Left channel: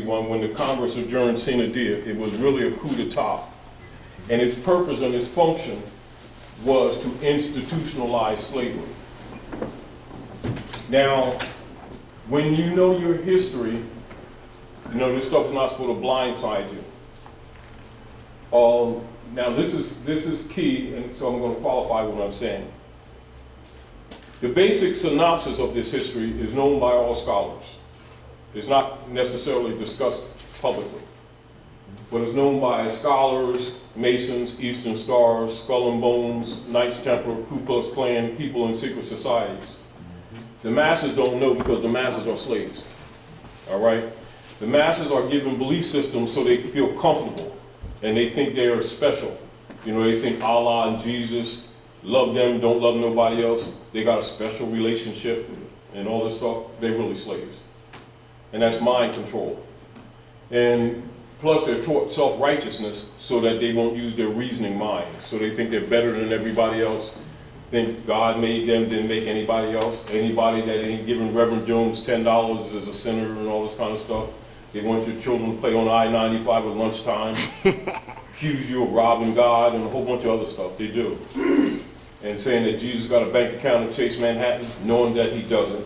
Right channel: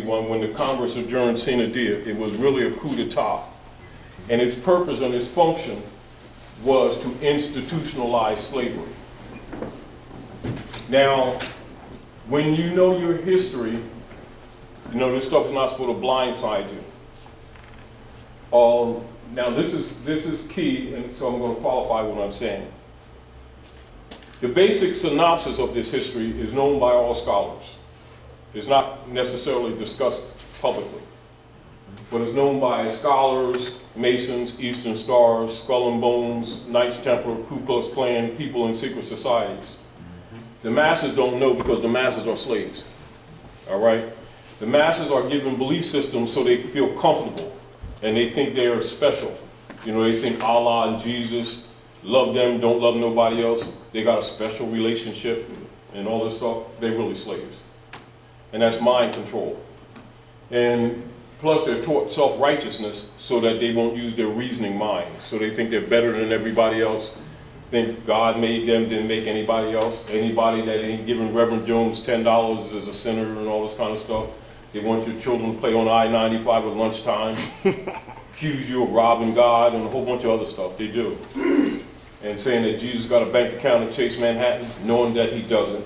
1761 when the Congress adjourned sine die. It was really a coup d'etat. And its purpose and its function was to institutionalize slavery. Now, when you know your history, you know this stuff is not supposed to blindside you. Now this is key, and so I'm going to qualify what I'm saying. The basic synopsis of this history is known by all scholars. It's not necessarily discussed publicly, but it's known by scholars, Masons, Eastern Stars, Skull and Bones, Knights Templar, Ku Klux Klan, people in secret societies. The masses don't know because the masses are slaves, all right? The masses are given belief systems so they feel comfortable and they think they are special. You know, they think Allah and Jesus, love them, don't love nobody else. They got a special relationship and all this stuff. They're really slaves. And that's mind control. And plus they're taught self-righteousness so that they won't use their reasoning mind. So they think they're better than everybody else, think God made them, didn't make anybody else. Anybody that ain't giving Reverend Jones $10 is a sinner and all this kind of stuff. They want your children to play on I-95 at lunchtime, accuse you of robbing God and a whole bunch of other stuff. They do. And saying that Jesus got a bank account in Chase Manhattan, knowing that he doesn't.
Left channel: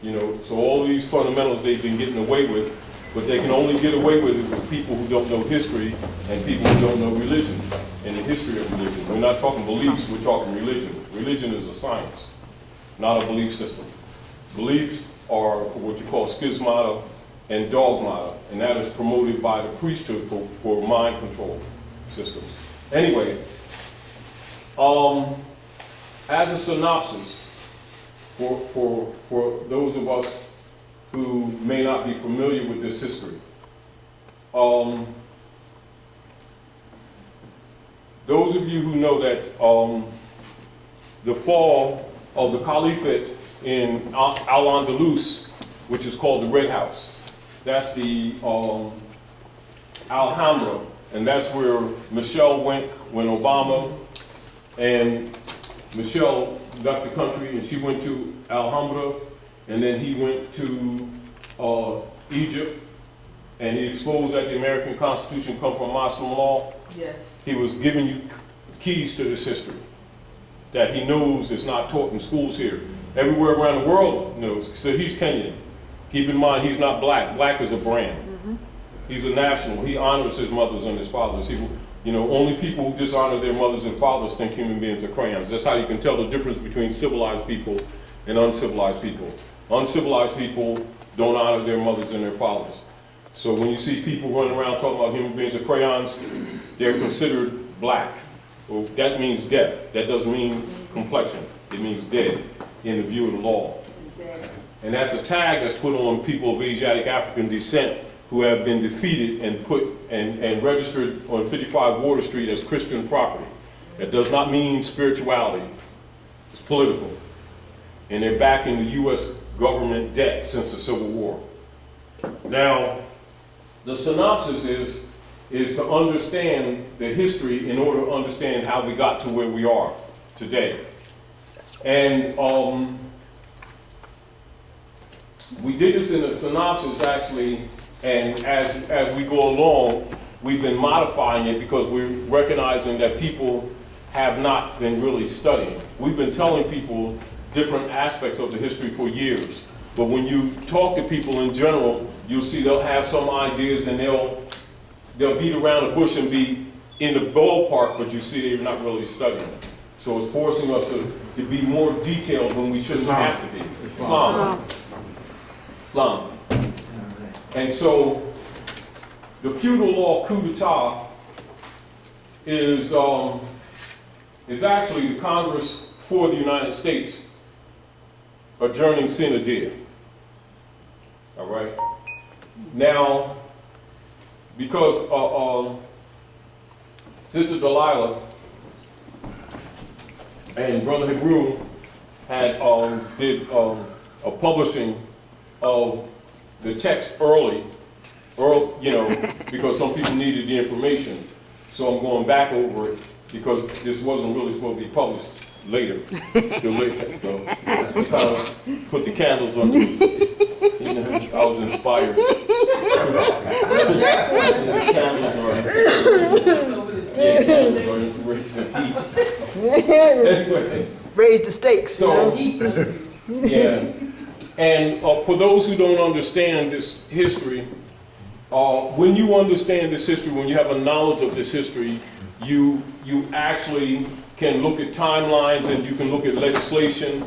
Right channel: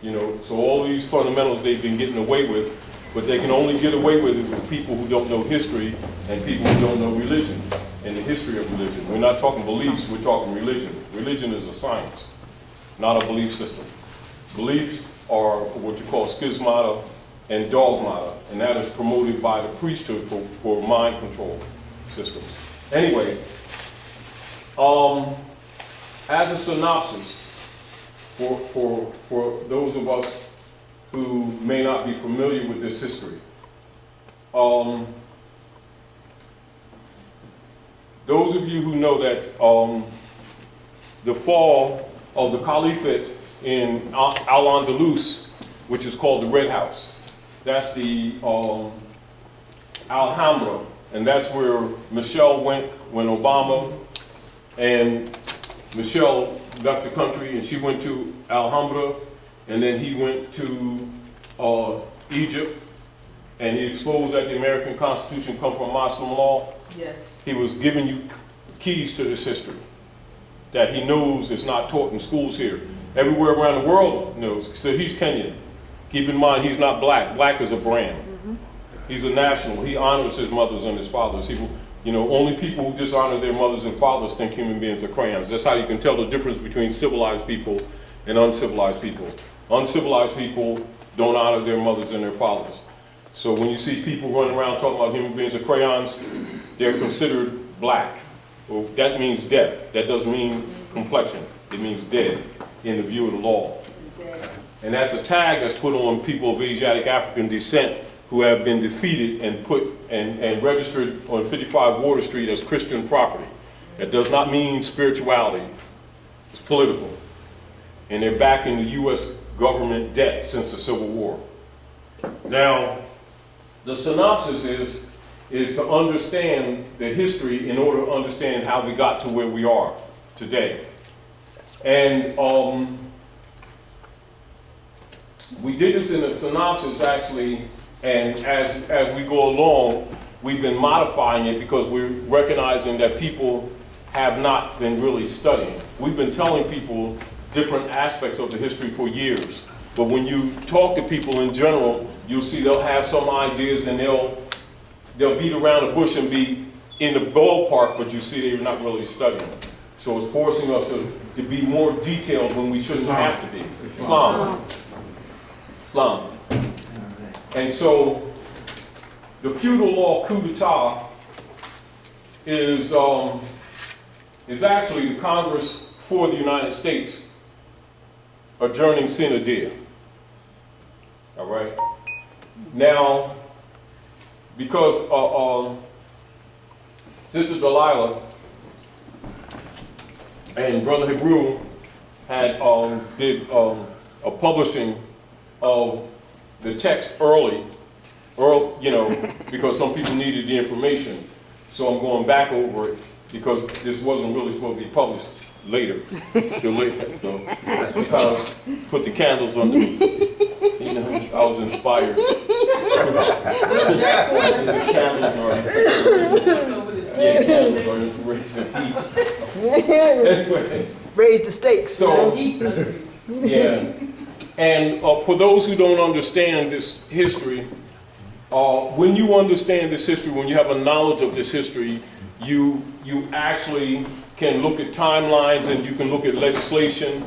You know, so all these fundamentals they've been getting away with, but they can only get away with it with people who don't know history and people who don't know religion and the history of religion. We're not talking beliefs, we're talking religion. Religion is a science, not a belief system. Beliefs are what you call schismata and dogmata, and that is promoted by the priesthood for mind control systems. Anyway, as a synopsis, for those of us who may not be familiar with this history, those of you who know that the fall of the Caliphate in Al-Andalus, which is called the Red House, that's the Alhambra, and that's where Michelle went when Obama and Michelle left the country, and she went to Alhambra, and then he went to Egypt, and he exposed that the American Constitution comes from Muslim law. Yes. He was giving you keys to this history that he knows is not taught in schools here. Everywhere around the world knows. So he's Kenyan. Keep in mind, he's not black. Black is a brand. Mm-hmm. He's a national. He honors his mothers and his fathers. He, you know, only people who dishonor their mothers and fathers think human beings are crayons. That's how you can tell the difference between civilized people and uncivilized people. Uncivilized people don't honor their mothers and their fathers. So when you see people running around talking about human beings are crayons, they're considered black. Well, that means death. That doesn't mean complexion. It means dead in the view of the law. And that's a tag that's put on people of Asiatic African descent who have been defeated and put and registered on 55 Water Street as Christian property. That does not mean spirituality. It's political. And they're backing the U.S. government debt since the Civil War. Now, the synopsis is to understand the history in order to understand how we got to where we are today. And we did this in a synopsis actually, and as we go along, we've been modifying it because we're recognizing that people have not been really studying. We've been telling people different aspects of the history for years, but when you talk to people in general, you'll see they'll have some ideas and they'll beat around the bush and be in the ballpark, but you see they're not really studying. So it's forcing us to be more detailed when we shouldn't have to be. Islam. And so the feudal law coup d'etat is actually the Congress for the United States adjourning sine die. All right. Now, because Sister Delilah and Brother Hebrew had did a publishing of the text early, you know, because some people needed the information. So I'm going back over it because this wasn't really supposed to be published later, till later. So put the candles on the, you know, I was inspired. candles are inspiration. Anyway, Raise the stakes. so, yeah. And for those who don't understand this history, when you understand this history, when you have a knowledge of this history, you actually can look at timelines, and you can look at legislation,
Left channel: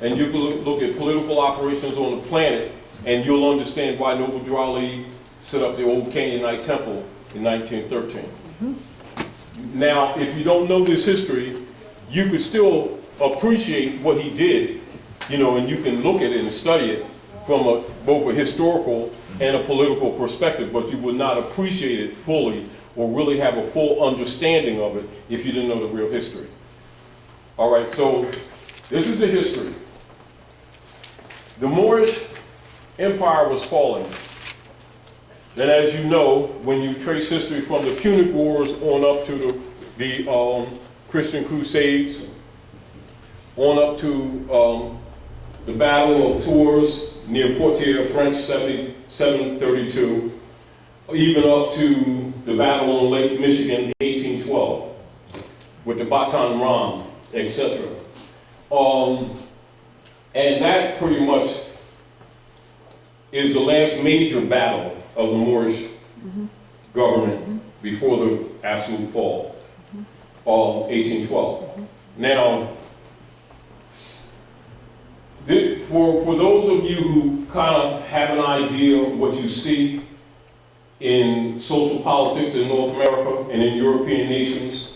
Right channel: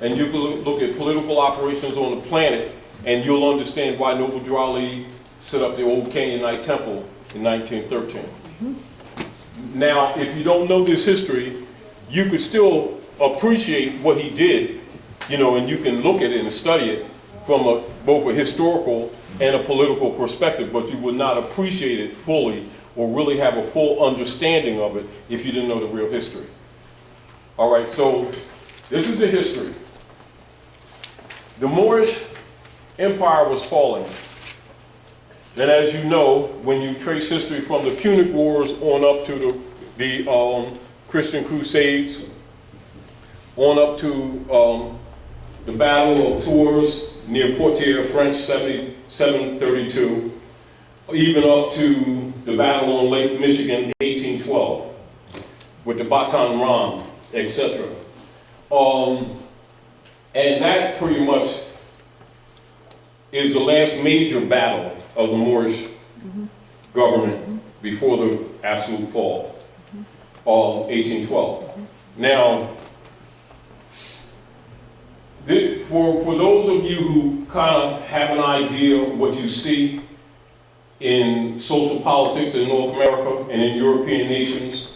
and you can look at political operations on the planet, and you'll understand why Noble Drew Ali set up the old Canaanite temple in 1913. Now, if you don't know this history, you could still appreciate what he did, you know, and you can look at it and study it from both a historical and a political perspective, but you would not appreciate it fully or really have a full understanding of it if you didn't know the real history. All right, so this is the history. The Moorish Empire was falling. And as you know, when you trace history from the Punic Wars on up to the Christian Crusades, on up to the Battle of Tours near Poitiers-French, 732, even up to the Battle on Lake Michigan, 1812, with the Baton Rouge, etc. And that pretty much is the last major battle of the Moorish government before the absolute fall, 1812. Now, for those of you who kind of have an idea of what you see in social politics in North America and in European nations,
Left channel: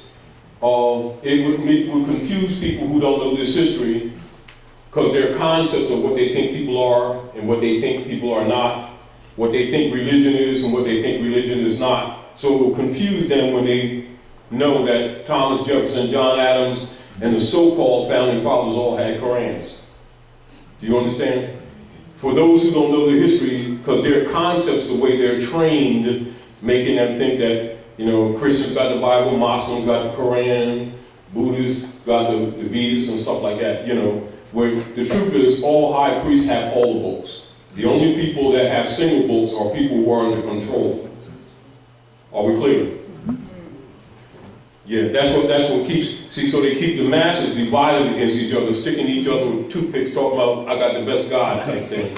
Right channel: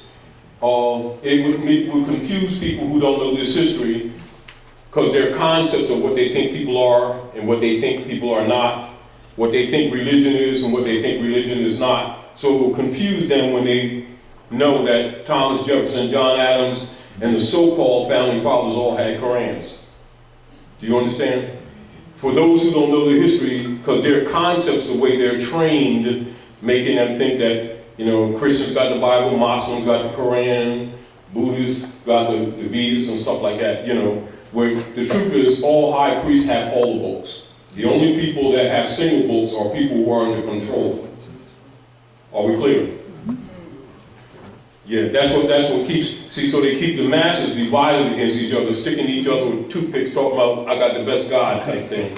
it would confuse people who don't know this history, because their concept of what they think people are and what they think people are not, what they think religion is and what they think religion is not. So it will confuse them when they know that Thomas Jefferson, John Adams, and the so-called founding fathers all had Korans. Do you understand? For those who don't know the history, because their concepts, the way they're trained, making them think that, you know, Christians got the Bible, Muslims got the Quran, Buddhists got the Vedas and stuff like that, you know, where the truth is all high priests have all the books. The only people that have single books are people who are under control. Are we clear? Yeah, that's what keeps, see, so they keep the masses divided against each other, sticking each other with toothpicks, talking about, I got the best God type thing.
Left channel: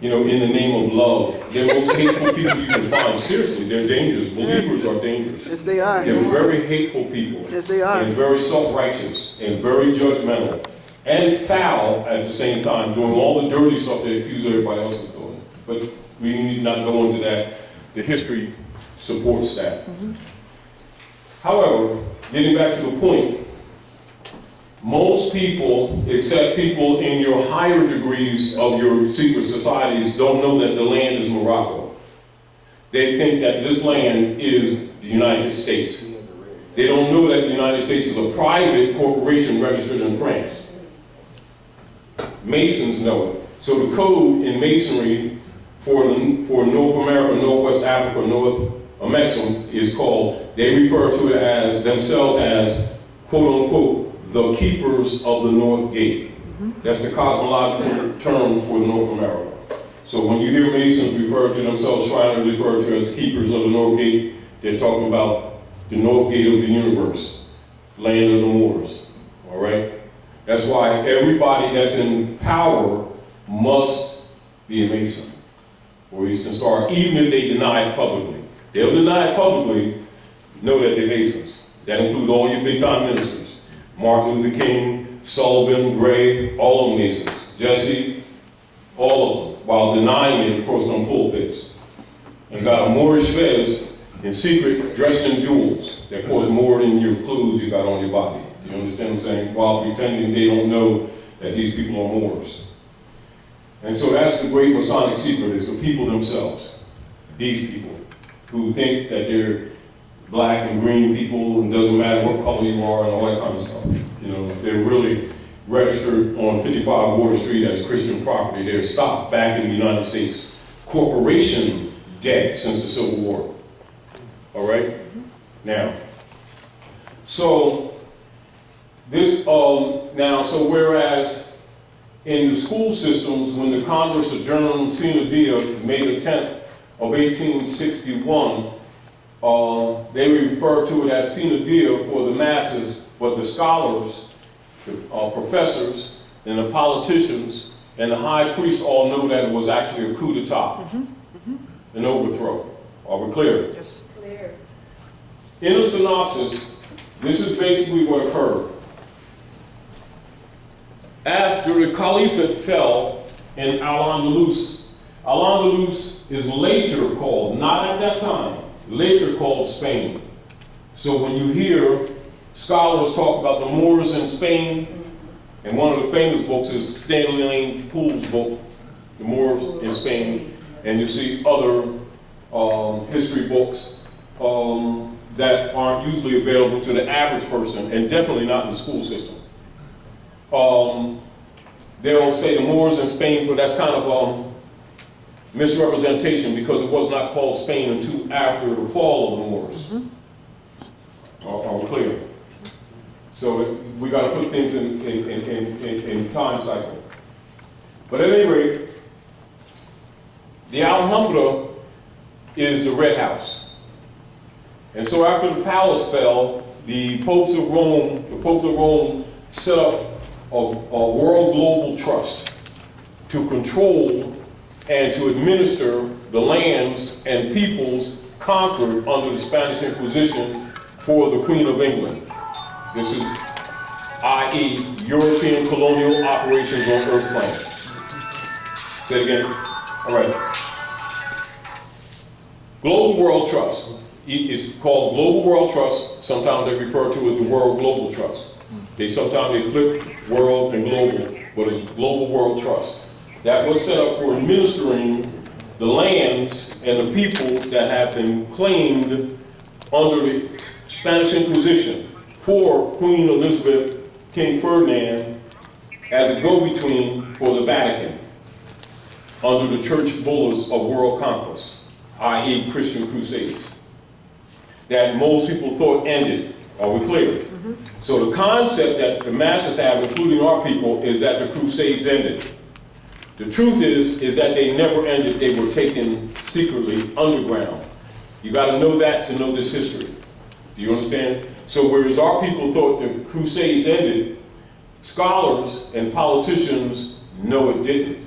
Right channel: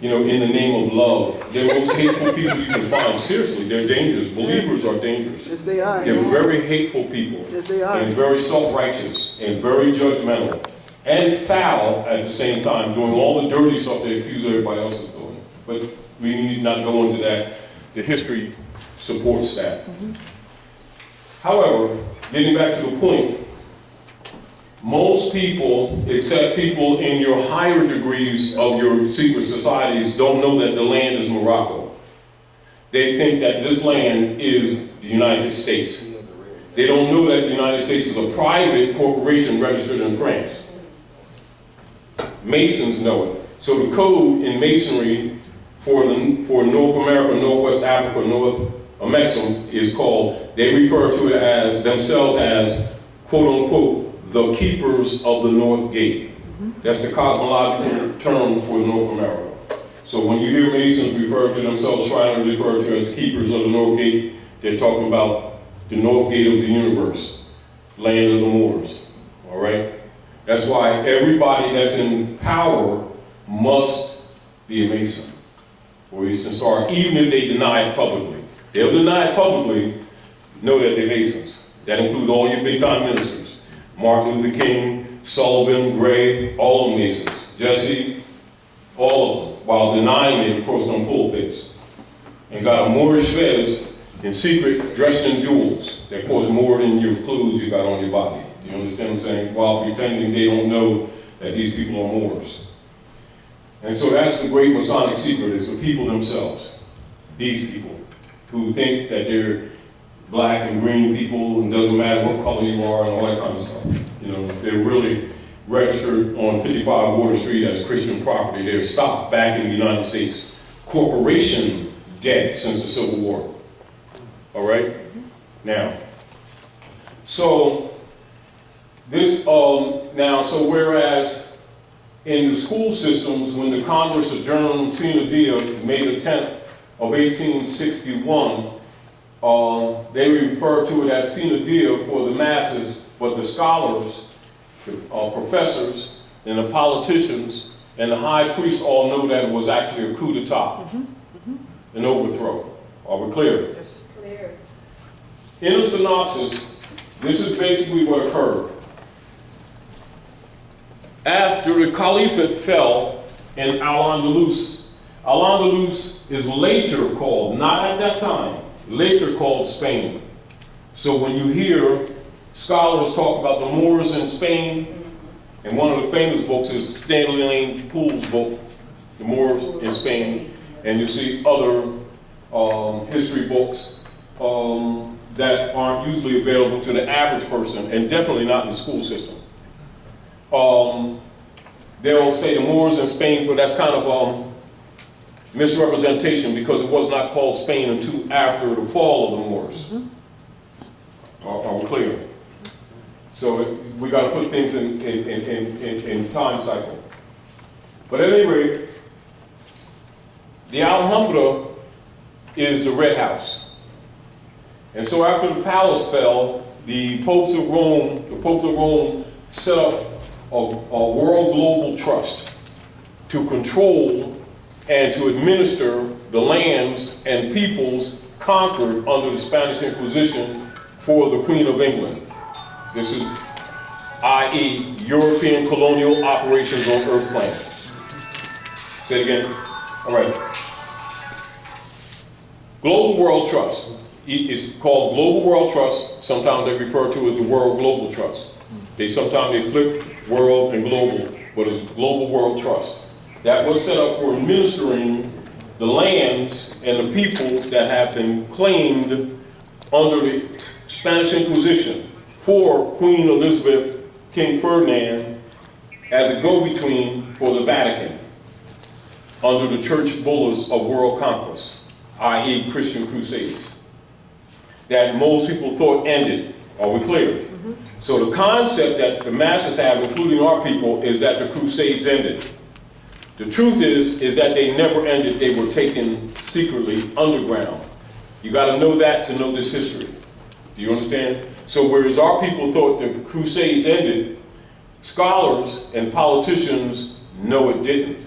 You know, in the name of love. They're the most hateful people you can find. Seriously, they're dangerous. Believers are dangerous. Yes, they are. They're very hateful people. Yes, they are. And very self-righteous, and very judgmental. And foul at the same time, doing all the dirty stuff they accuse everybody else of doing. But we need not go into that. The history supports that. However, getting back to the point, most people, except people in your higher degrees of your secret societies, don't know that the land is Morocco. They think that this land is the United States. They don't know that the United States is a private corporation registered in France. Masons know it. So the code in Masonry for North America, Northwest Africa, North Amexem is called, they refer to it as, themselves as, quote unquote, the keepers of the North Gate. That's the cosmological term for North America. So when you hear Masons refer to themselves, Shriners refer to as keepers of the North Gate, they're talking about the North Gate of the universe, land of the Moors, all right? That's why everybody that's in power must be a Mason or Eastern Star, even if they deny it publicly. They'll deny it publicly, know that they're Masons. That includes all your big-time ministers. Martin Luther King, Sullivan, Gray, all of them Masons. Jesse, all of them, while denying it across them pulpits. And got a Moorish fez in secret, dressed in jewels, that cost more than your clothes you got on your body. Do you understand what I'm saying? While pretending they don't know that these people are Moors. And so that's the great Masonic secret, is the people themselves. These people who think that they're black and green people, and doesn't matter what color you are and all that kind of stuff. You know, they're really registered on 55 Water Street as Christian property. They're stopped back in the United States corporation debt since the Civil War. All right? Now, so this, so whereas in the school systems, when the Congress adjourned sine die, May the 10th of 1861, they refer to it as sine die for the masses, but the scholars, the professors, and the politicians, and the high priests all know that it was actually a coup d'etat, an overthrow. Are we clear? Yes. Clear. In the synopsis, this is basically what occurred. After the caliphate fell in Al-Andalus, Al-Andalus is later called, not at that time, later called Spain. So when you hear scholars talk about the Moors in Spain, and one of the famous books is Stanley Lane Poole's book, The Moors in Spain, and you see other history books that aren't usually available to the average person, and definitely not in the school system. They'll say the Moors in Spain, but that's kind of misrepresentation because it was not called Spain until after the fall of the Moors. Are we clear? So we got to put things in time cycle. But at any rate, the Alhambra is the Red House. And so after the palace fell, the popes of Rome set up a world global trust to control and to administer the lands and peoples conquered under the Spanish Inquisition for the Queen of England. This is, i.e., European colonial operations on Earth plan. Say it again. All right. Global World Trust. It's called Global World Trust. Sometimes they refer to it as the World Global Trust. Sometimes they flip world and global, but it's Global World Trust. That was set up for administering the lands and the peoples that have been claimed under the Spanish Inquisition for Queen Elizabeth, King Ferdinand, as a go-between for the Vatican under the church bullas of world conquest, i.e. Christian crusades, that most people thought ended. Are we clear? So the concept that the masses have, including our people, is that the crusades ended. The truth is that they never ended. They were taken secretly underground. You got to know that to know this history. Do you understand? So whereas our people thought the crusades ended, scholars and politicians know it didn't.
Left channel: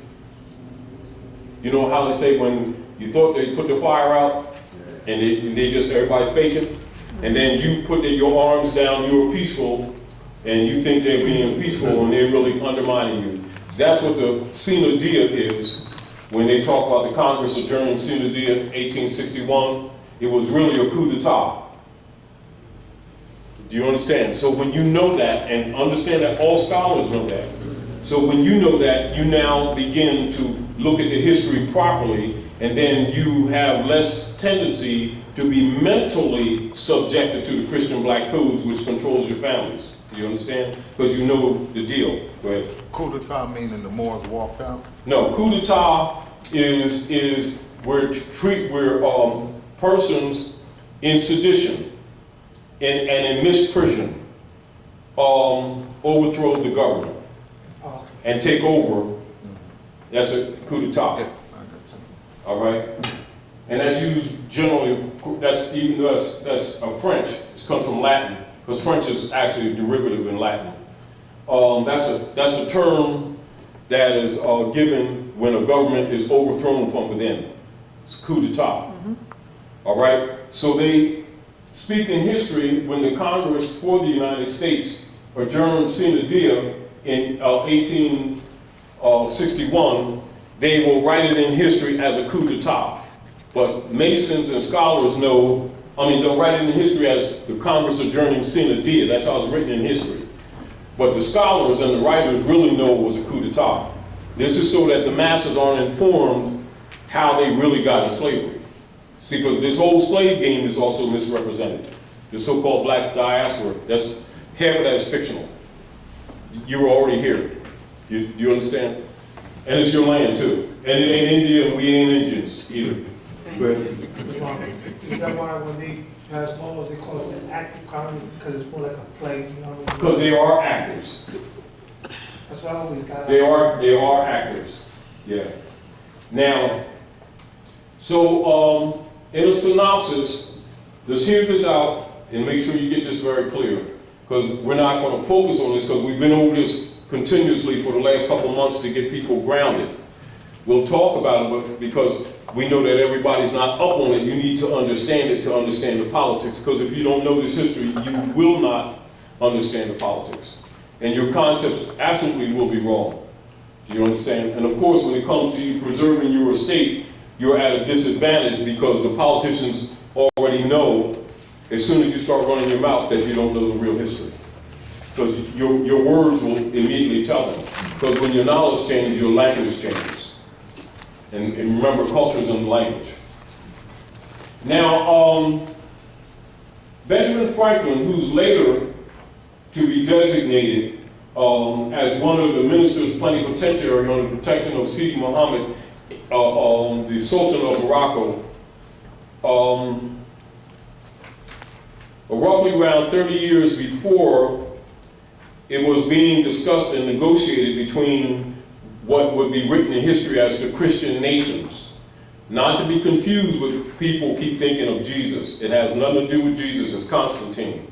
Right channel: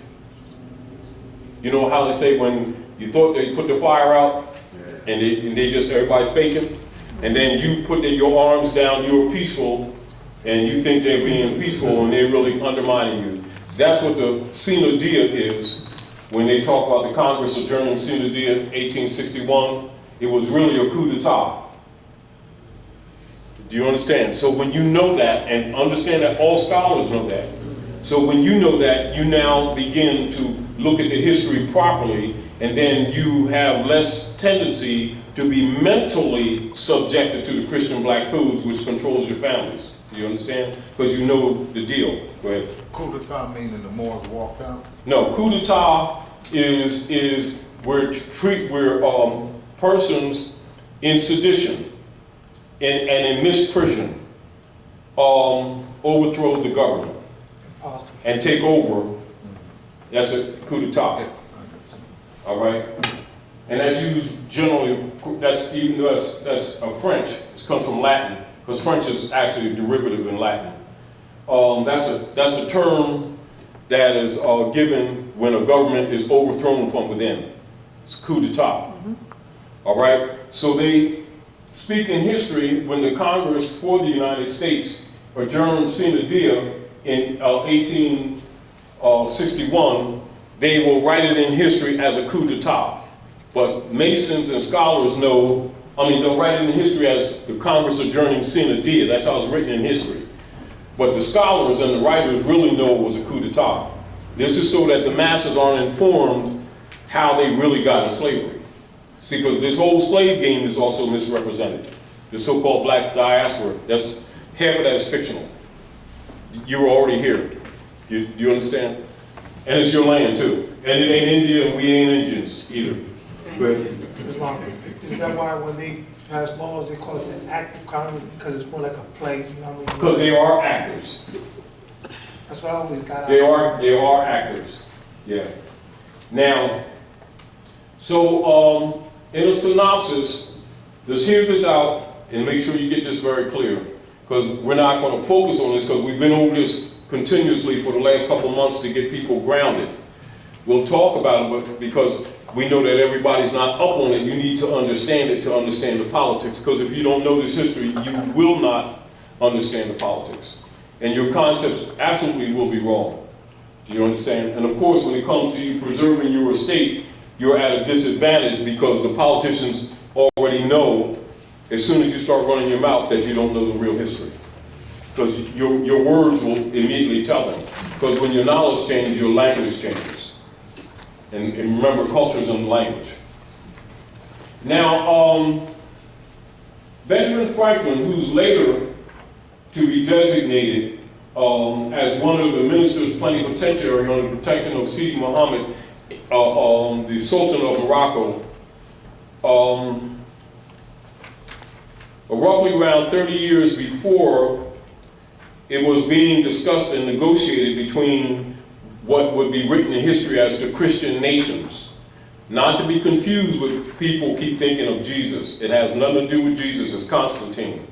You know how they say when you thought they put the fire out and they just, everybody's faking? And then you put your arms down, you're peaceful, and you think they're being peaceful and they're really undermining you. That's what the sine die is when they talk about the Congress adjourned sine die 1861. It was really a coup d'etat. Do you understand? So when you know that, and understand that all scholars know that, so when you know that, you now begin to look at the history properly, and then you have less tendency to be mentally subjected to the Christian black codes, which controls your families. Do you understand? Because you know the deal. Go ahead. Coup d'etat meaning the Moors walked out? No, coup d'etat is where persons in sedition and in misprision overthrow the government and take over. That's a coup d'etat. Yeah. All right? And that's used generally, that's even though that's French, it comes from Latin, because French is actually a derivative in Latin. That's the term that is given when a government is overthrown from within. It's coup d'etat. All right? So they speak in history when the Congress for the United States adjourned sine die in 1861, they will write it in history as a coup d'etat. But Masons and scholars know, they'll write it in history as the Congress adjourning sine die. That's how it's written in history. But the scholars and the writers really know it was a coup d'etat. This is so that the masses aren't informed how they really got in slavery. See, because this whole slave game is also misrepresented. The so-called black diaspora, half of that is fictional. You were already here. You understand? And it's your land too. And it ain't India and we ain't Indians either. But Is that why when they pass laws, they call it an act of Congress, because it's more like a play, you know what I mean? because they are actors. That's what I always got out. They are actors. Yeah. Now, so in a synopsis, Just hear this out and make sure you get this very clear, because we're not going to focus on this because we've been over this continuously for the last couple months to get people grounded. We'll talk about it, but because we know that everybody's not up on it, you need to understand it to understand the politics, because if you don't know this history, you will not understand the politics. And your concepts absolutely will be wrong. Do you understand? And of course, when it comes to you preserving your estate, you're at a disadvantage because the politicians already know as soon as you start running your mouth that you don't know the real history. Because your words will immediately tell them. Because when your knowledge changes, your language changes. And remember, culture is in the language. Now, Benjamin Franklin, who's later to be designated as one of the ministers plenipotentiary on the protection of Sidi Muhammad, the Sultan of Morocco, roughly around 30 years before, it was being discussed and negotiated between what would be written in history as the Christian nations. Not to be confused with people keep thinking of Jesus. It has nothing to do with Jesus, it's Constantine.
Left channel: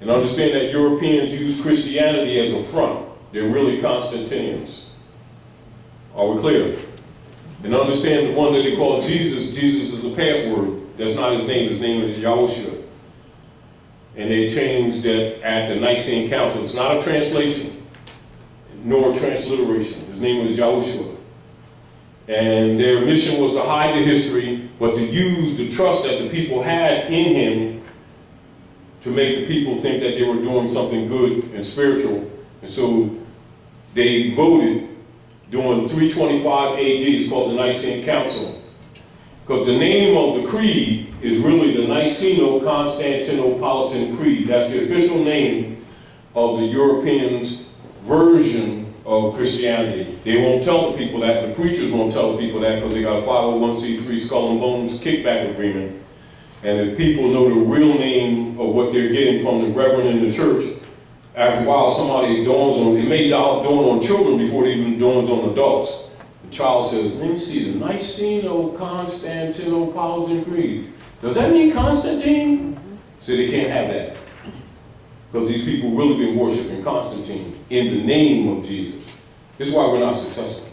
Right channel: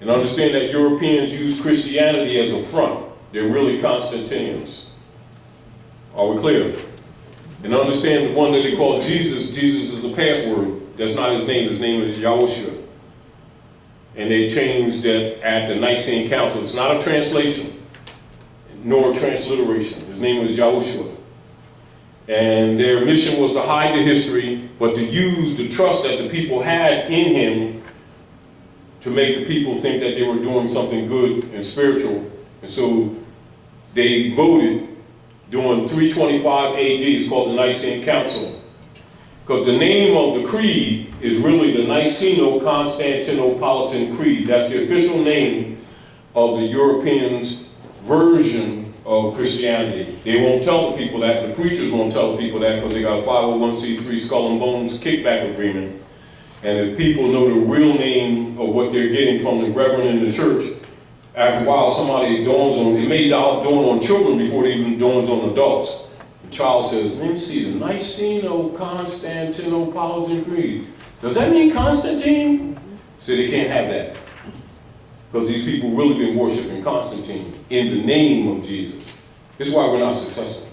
And understand that Europeans use Christianity as a front. They're really Constantinians. Are we clear? And understand the one that they call Jesus, Jesus is a password. That's not his name is Yahushua. And they changed that at the Nicene Council. It's not a translation, nor a transliteration. His name was Yahushua. And their mission was to hide the history, but to use the trust that the people had in him to make the people think that they were doing something good and spiritual. And so they voted during 325 AD, it's called the Nicene Council. Because the name of the creed is really the Niceno-Constantinopolitan Creed. That's the official name of the Europeans' version of Christianity. They won't tell the people that, the preachers won't tell the people that because they got a 501c3 skull and bones kickback agreement. And if people know the real name of what they're getting from the reverend in the church, after a while somebody dawns on, it may dawn on children before it even dawns on adults. The child says, let me see, the Niceno-Constantinopolitan Creed. Does that mean Constantine? So they can't have that. Because these people really been worshiping Constantine in the name of Jesus. This is why we're not successful.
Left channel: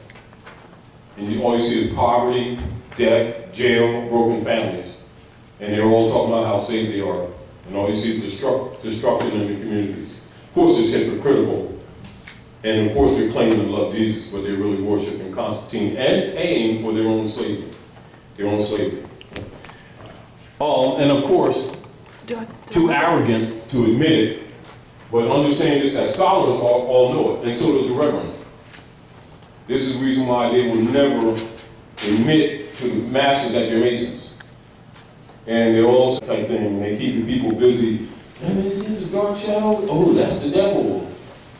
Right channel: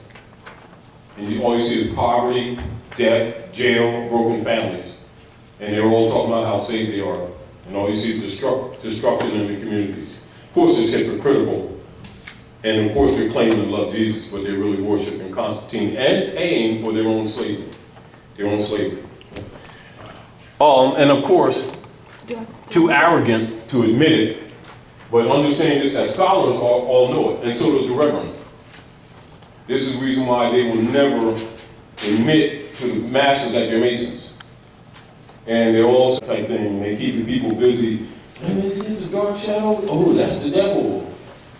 And all you see is poverty, death, jail, broken families. And they're all talking about how saved they are. And all you see is destruction in the communities. Of course, it's hypocritical. And of course, they're claiming to love Jesus, but they're really worshiping Constantine and paying for their own slavery. And of course, too arrogant to admit it, but understand this as scholars all know it, and so does the Reverend. This is the reason why they will never admit to the masses that they're Masons. And they're all type thing. They keep the people busy. And is this a dark shadow? Oh, that's the devil.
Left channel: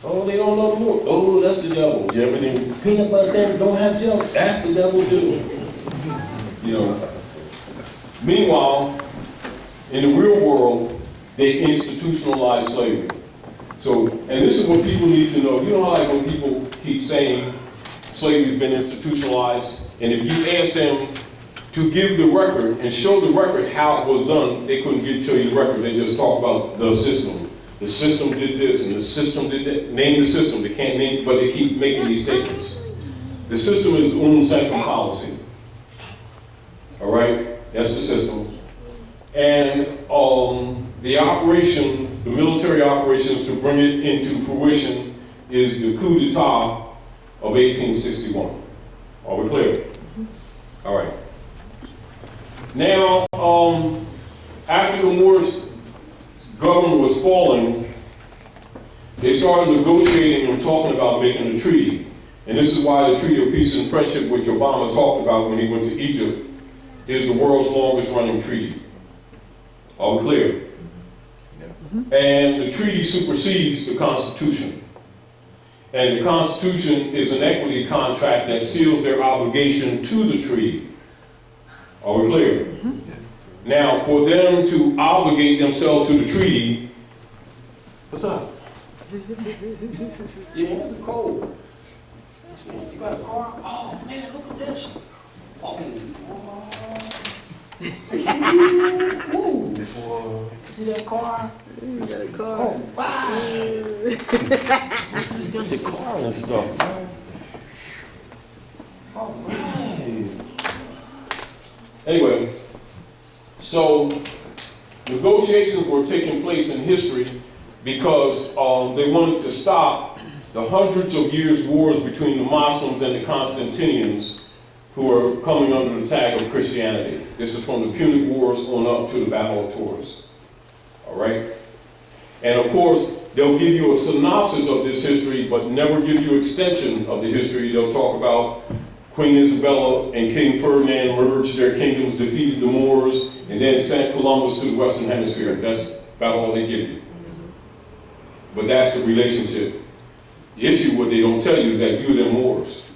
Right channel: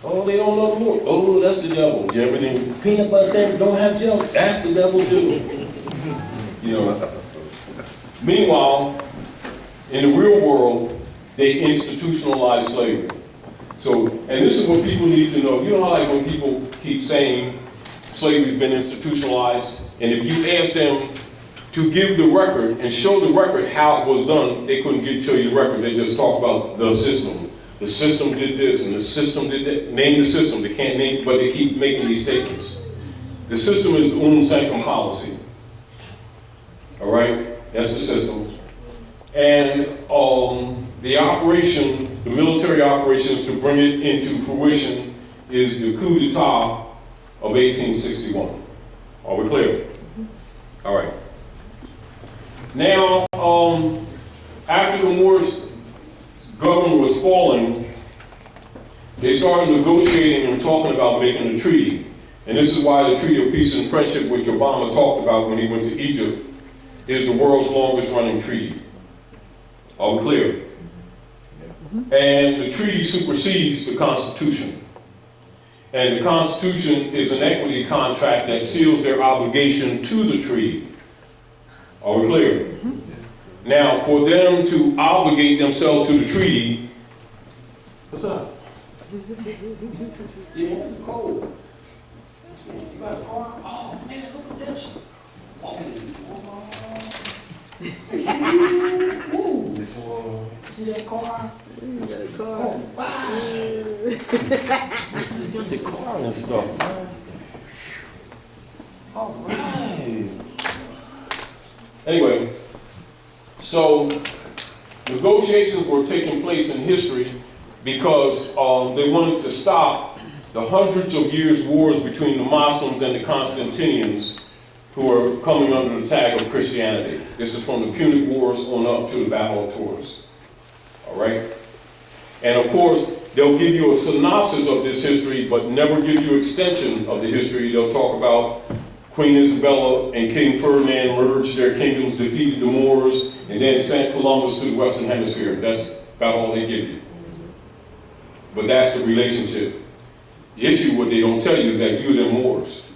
Oh, they don't know the Lord. Oh, that's the devil. Everything peanut butter sandwich don't have jelly. That's the devil too. You know. Meanwhile, in the real world, they institutionalize slavery. So, and this is what people need to know. You know how like when people keep saying slavery's been institutionalized, and if you ask them to give the record and show the record how it was done, they couldn't show you the record. They just talk about the system. The system did this and the system did that. Name the system. They can't name, but they keep making these statements. The system is the unum sanctum policy. All right, that's the system. And the operation, the military operations to bring it into fruition is the Coup D'etat of 1861. Are we clear? All right. Now, after the Moorish government was falling, they started negotiating and talking about making a treaty. And this is why the Treaty of Peace and Friendship, which Obama talked about when he went to Egypt, is the world's longest running treaty. Are we clear? Yeah. And the treaty supersedes the Constitution. And the Constitution is an equity contract that seals their obligation to the treaty. Are we clear? Mm-hmm. Now, for them to obligate themselves to the treaty, what's up? Your hands are cold. You got a car? Oh man, look at this. Oh. Boy, see that car? You got a car. Oh, wow. Just got the car and stuff, man. All right. Anyway, so negotiations were taking place in history because they wanted to stop the hundreds of years wars between the Muslims and the Constantinians who are coming under the tag of Christianity. This is from the Punic Wars on up to the Battle of Tours. All right? And of course, they'll give you a synopsis of this history, but never give you extension of the history. They'll talk about Queen Isabella and King Ferdinand merged their kingdoms, defeated the Moors, and then sent Columbus to the Western Hemisphere. That's about all they give you. But that's the relationship. The issue, what they don't tell you, is that you're the Moors.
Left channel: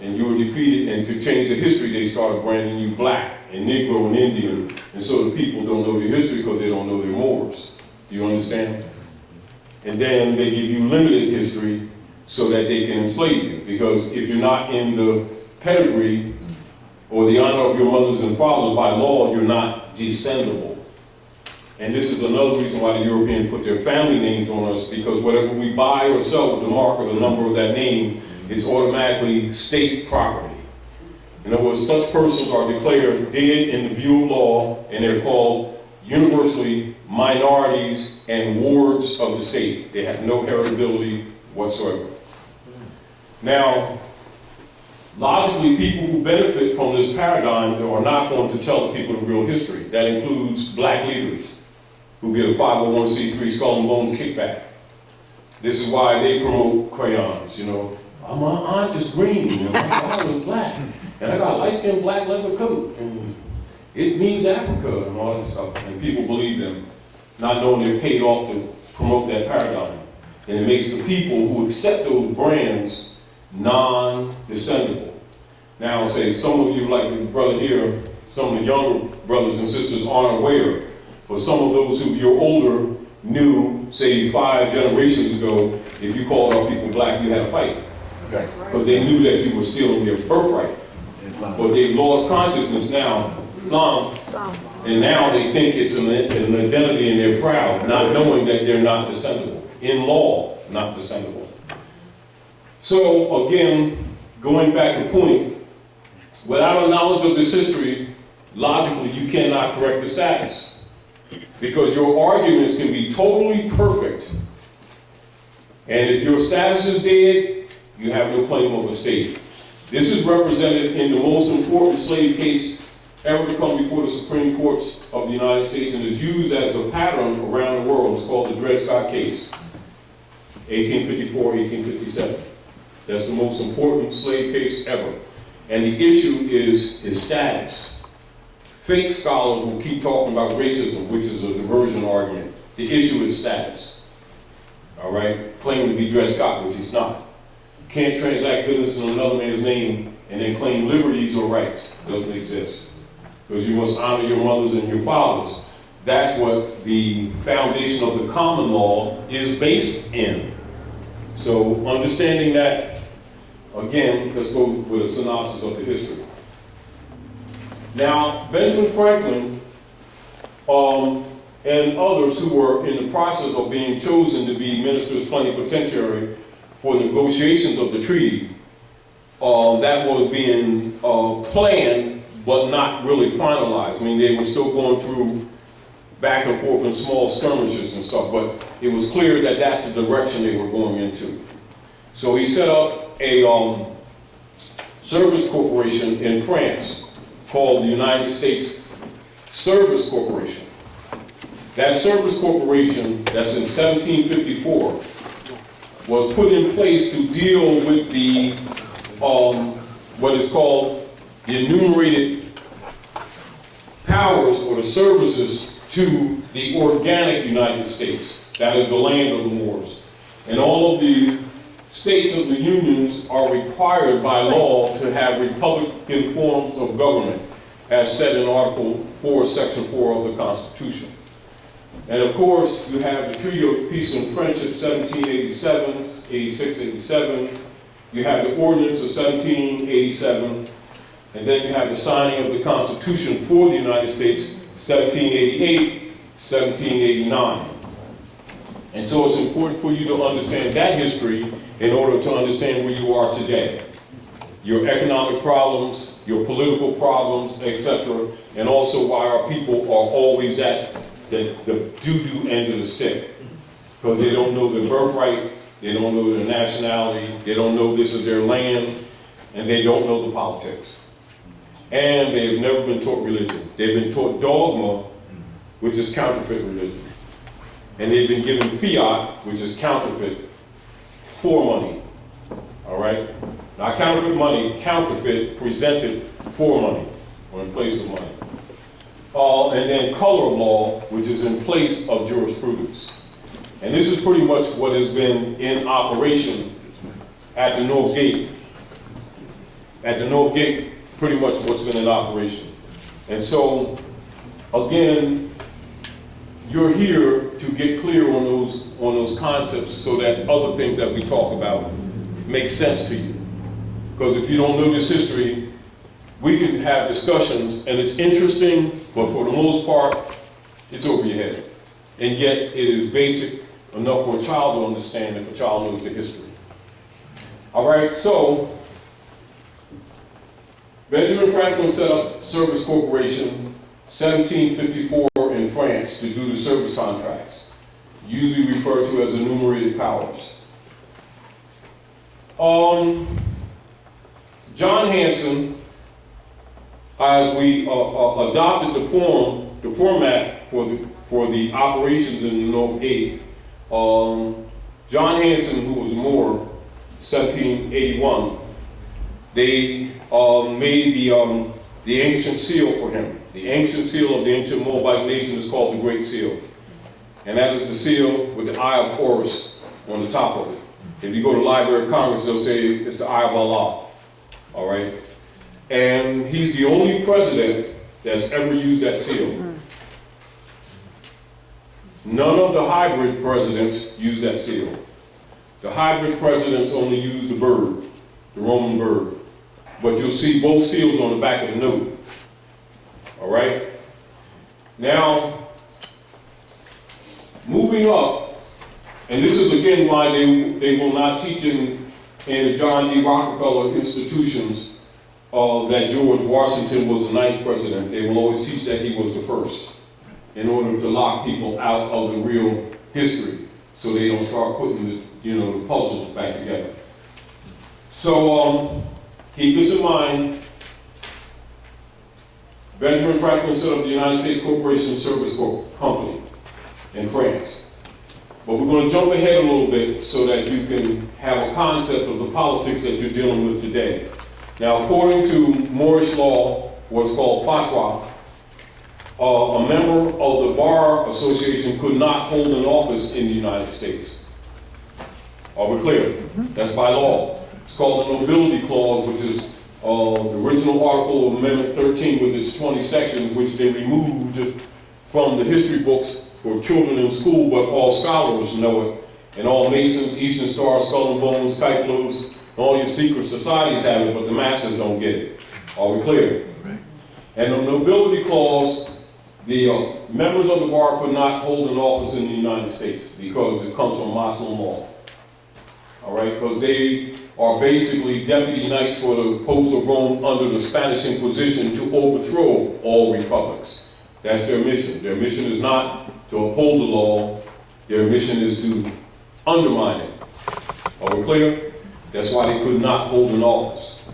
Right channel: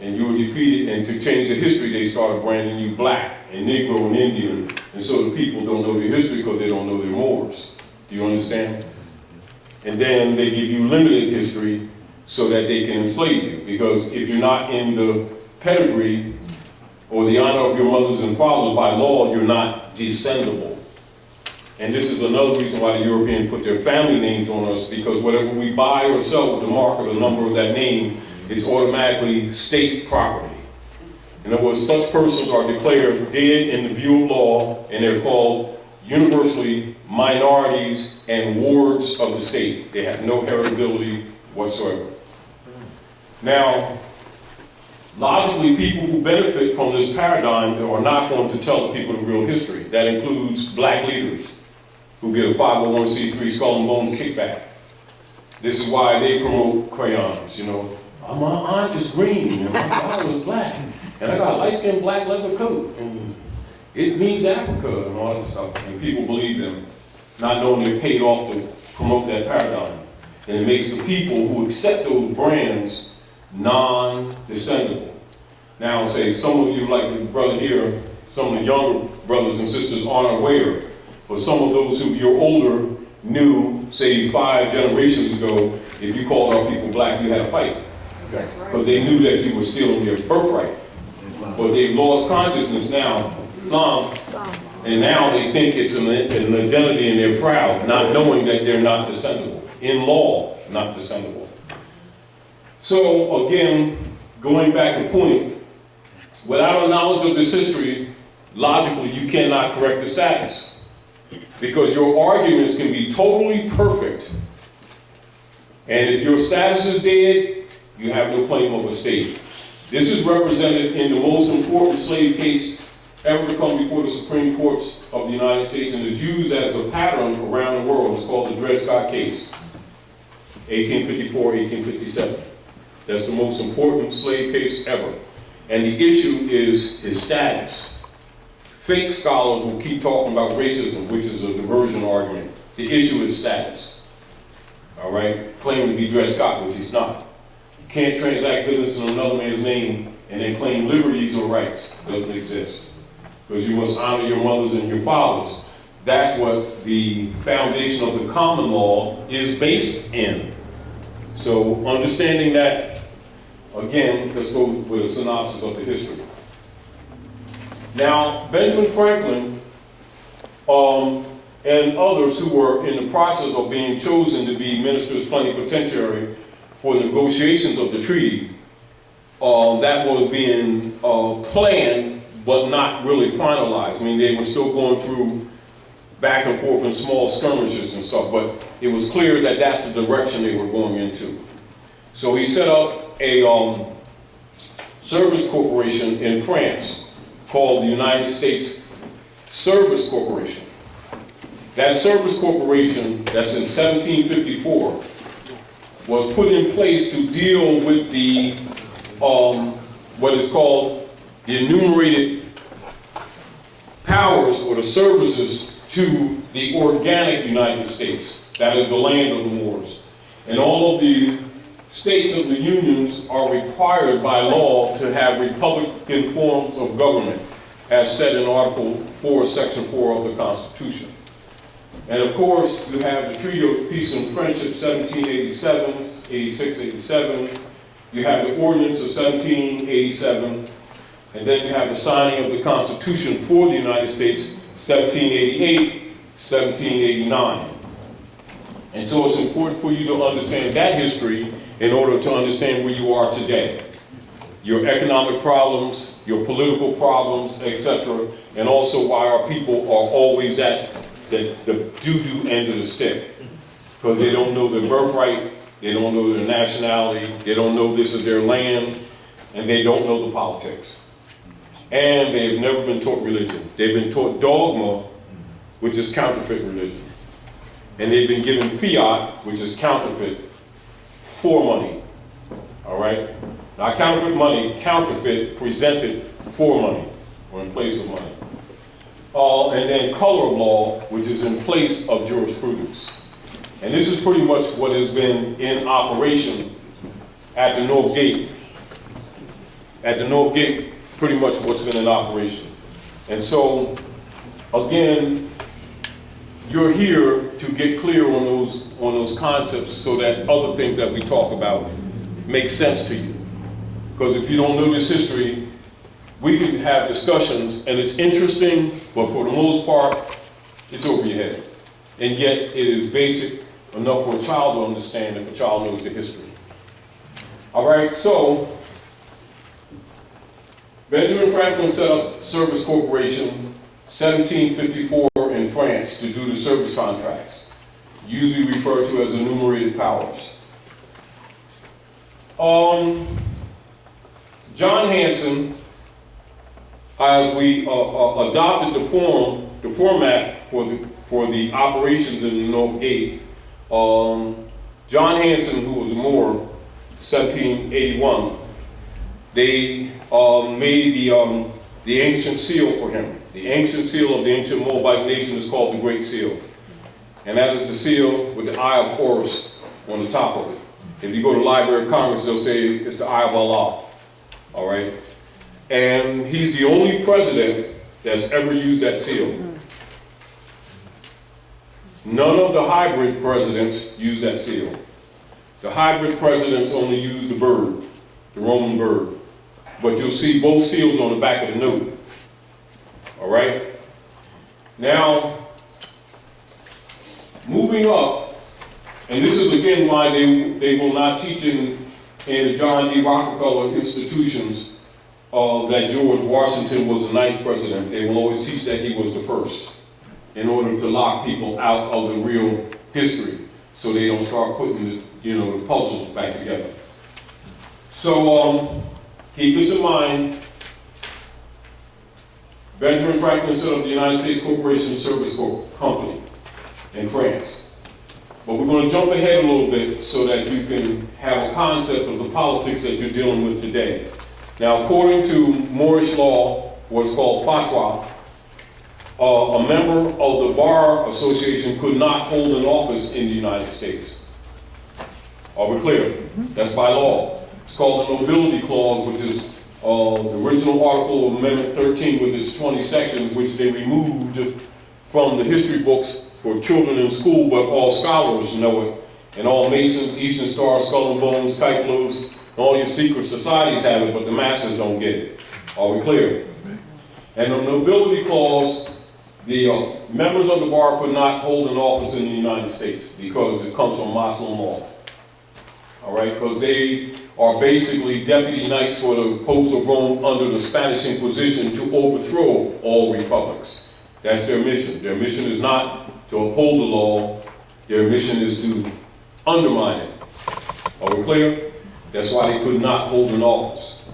And you were defeated, and to change the history, they started branding you black and Negro and Indian. And so the people don't know the history because they don't know they're Moors. Do you understand? And then they give you limited history so that they can enslave you. Because if you're not in the pedigree or the honor of your mothers and fathers by law, you're not descendable. And this is another reason why the Europeans put their family names on us, because whatever we buy or sell with the mark or the number of that name, it's automatically state property. In other words, such persons are declared dead in the view of law, and they're called universally minorities and wards of the state. They have no heritability whatsoever. Now, logically, people who benefit from this paradigm are not going to tell the people the real history. That includes black leaders who get a 501c3 skull and bone kickback. This is why they promote crayons, you know. My aunt is green, and my father is black, and I got a light-skinned black leather coat, and it means Africa and all that stuff. And people believe them, not knowing they're paid off to promote that paradigm. And it makes the people who accept those brands non-descendable. Now, say some of you, like the brother here, some of the younger brothers and sisters aren't aware, but some of those who you're older knew, say 5 generations ago, if you called our people black, you had a fight. Because they knew that you were stealing their birthright. But they've lost consciousness now, Islam, and now they think it's an identity and they're proud, not knowing that they're not descendable. In law, not descendable. So again, going back to point, without a knowledge of this history, logically you cannot correct the status. Because your arguments can be totally perfect, and if your status is dead, you have no claim of a state. This is represented in the most important slave case ever to come before the Supreme Courts of the United States, and is used as a pattern around the world. It's called the Dred Scott case, 1854, 1857. That's the most important slave case ever. And the issue is his status. Fake scholars will keep talking about racism, which is a diversion argument. The issue is status. All right? Claiming to be Dred Scott, which he's not. You can't transact business in another man's name and then claim liberties or rights. It doesn't exist. Because you must honor your mothers and your fathers. That's what the foundation of the common law is based in. So understanding that, again, let's go with a synopsis of the history. Now, Benjamin Franklin and others who were in the process of being chosen to be ministers plenipotentiary for negotiations of the treaty, that was being planned but not really finalized. I mean, they were still going through back and forth in small skirmishes and stuff, but it was clear that that's the direction they were going into. So he set up a service corporation in France called the United States Service Corporation. That service corporation, that's in 1754, was put in place to deal with the, what is called the enumerated powers or the services to the organic United States. That is the land of the Moors. And all of the states of the unions are required by law to have republican forms of government, as said in Article 4, Section 4 of the Constitution. And of course, you have the Treaty of Peace and Friendship, 1787, 86, 87. You have the Ordinance of 1787. And then you have the signing of the Constitution for the United States, 1788, 1789. And so it's important for you to understand that history in order to understand where you are today. Your economic problems, your political problems, etc., and also why our people are always at the doo-doo end of the stick. Because they don't know their birthright, they don't know their nationality, they don't know this is their land, and they don't know the politics. And they have never been taught religion. They've been taught dogma, which is counterfeit religion. And they've been given fiat, which is counterfeit, for money. All right? Now, counterfeit money, counterfeit presented for money, or in place of money. And then color of law, which is in place of jurisprudence. And this is pretty much what has been in operation at the North Gate. At the North Gate, pretty much what's been in operation. And so, again, you're here to get clear on those concepts so that other things that we talk about make sense to you. Because if you don't know this history, we can have discussions and it's interesting, but for the most part, it's over your head. And yet it is basic enough for a child to understand if a child knows the history. All right, so Benjamin Franklin set up Service Corporation 1754 in France to do the service contracts, usually referred to as enumerated powers. John Hanson, as we adopted the format for the operations in the North Gate, John Hanson, who was a Moor, 1781, they made the ancient seal for him. The ancient seal of the ancient Moabite nation is called the Great Seal. And that is the seal with the Eye of Horus on the top of it. If you go to the Library of Congress, they'll say it's the Eye of Allah. All right? And he's the only president that's ever used that seal. None of the hybrid presidents use that seal. The hybrid presidents only use the bird, the Roman bird. But you'll see both seals on the back of the note. All right? Now, moving up, and this is again why they will not teach in the John D. Rockefeller institutions that George Washington was the 9th president. They will always teach that he was the first in order to lock people out of the real history so they don't start putting the puzzles back together. So keep this in mind. Benjamin Franklin set up the United States Corporation Service Company in France. But we're going to jump ahead a little bit so that you can have a concept of the politics that you're dealing with today. Now, according to Moorish law, what's called fatwa, a member of the Bar Association could not hold an office in the United States. Are we clear? That's by law. It's called the Nobility Clause, which is the original article of Amendment 13 with its 20 sections, which they removed from the history books for children in school, but all scholars know it. And all Masons, Eastern Star, Skull and Bones, Kite Blues, and all your secret societies have it, but the masses don't get it. Are we clear? And the Nobility Clause, the members of the bar could not hold an office in the United States because it comes from Muslim law. All right, because they are basically deputy knights for the popes of Rome under the Spanish Inquisition to overthrow all republics. That's their mission. Their mission is not to uphold the law. Their mission is to undermine it. Are we clear? That's why they could not hold an office.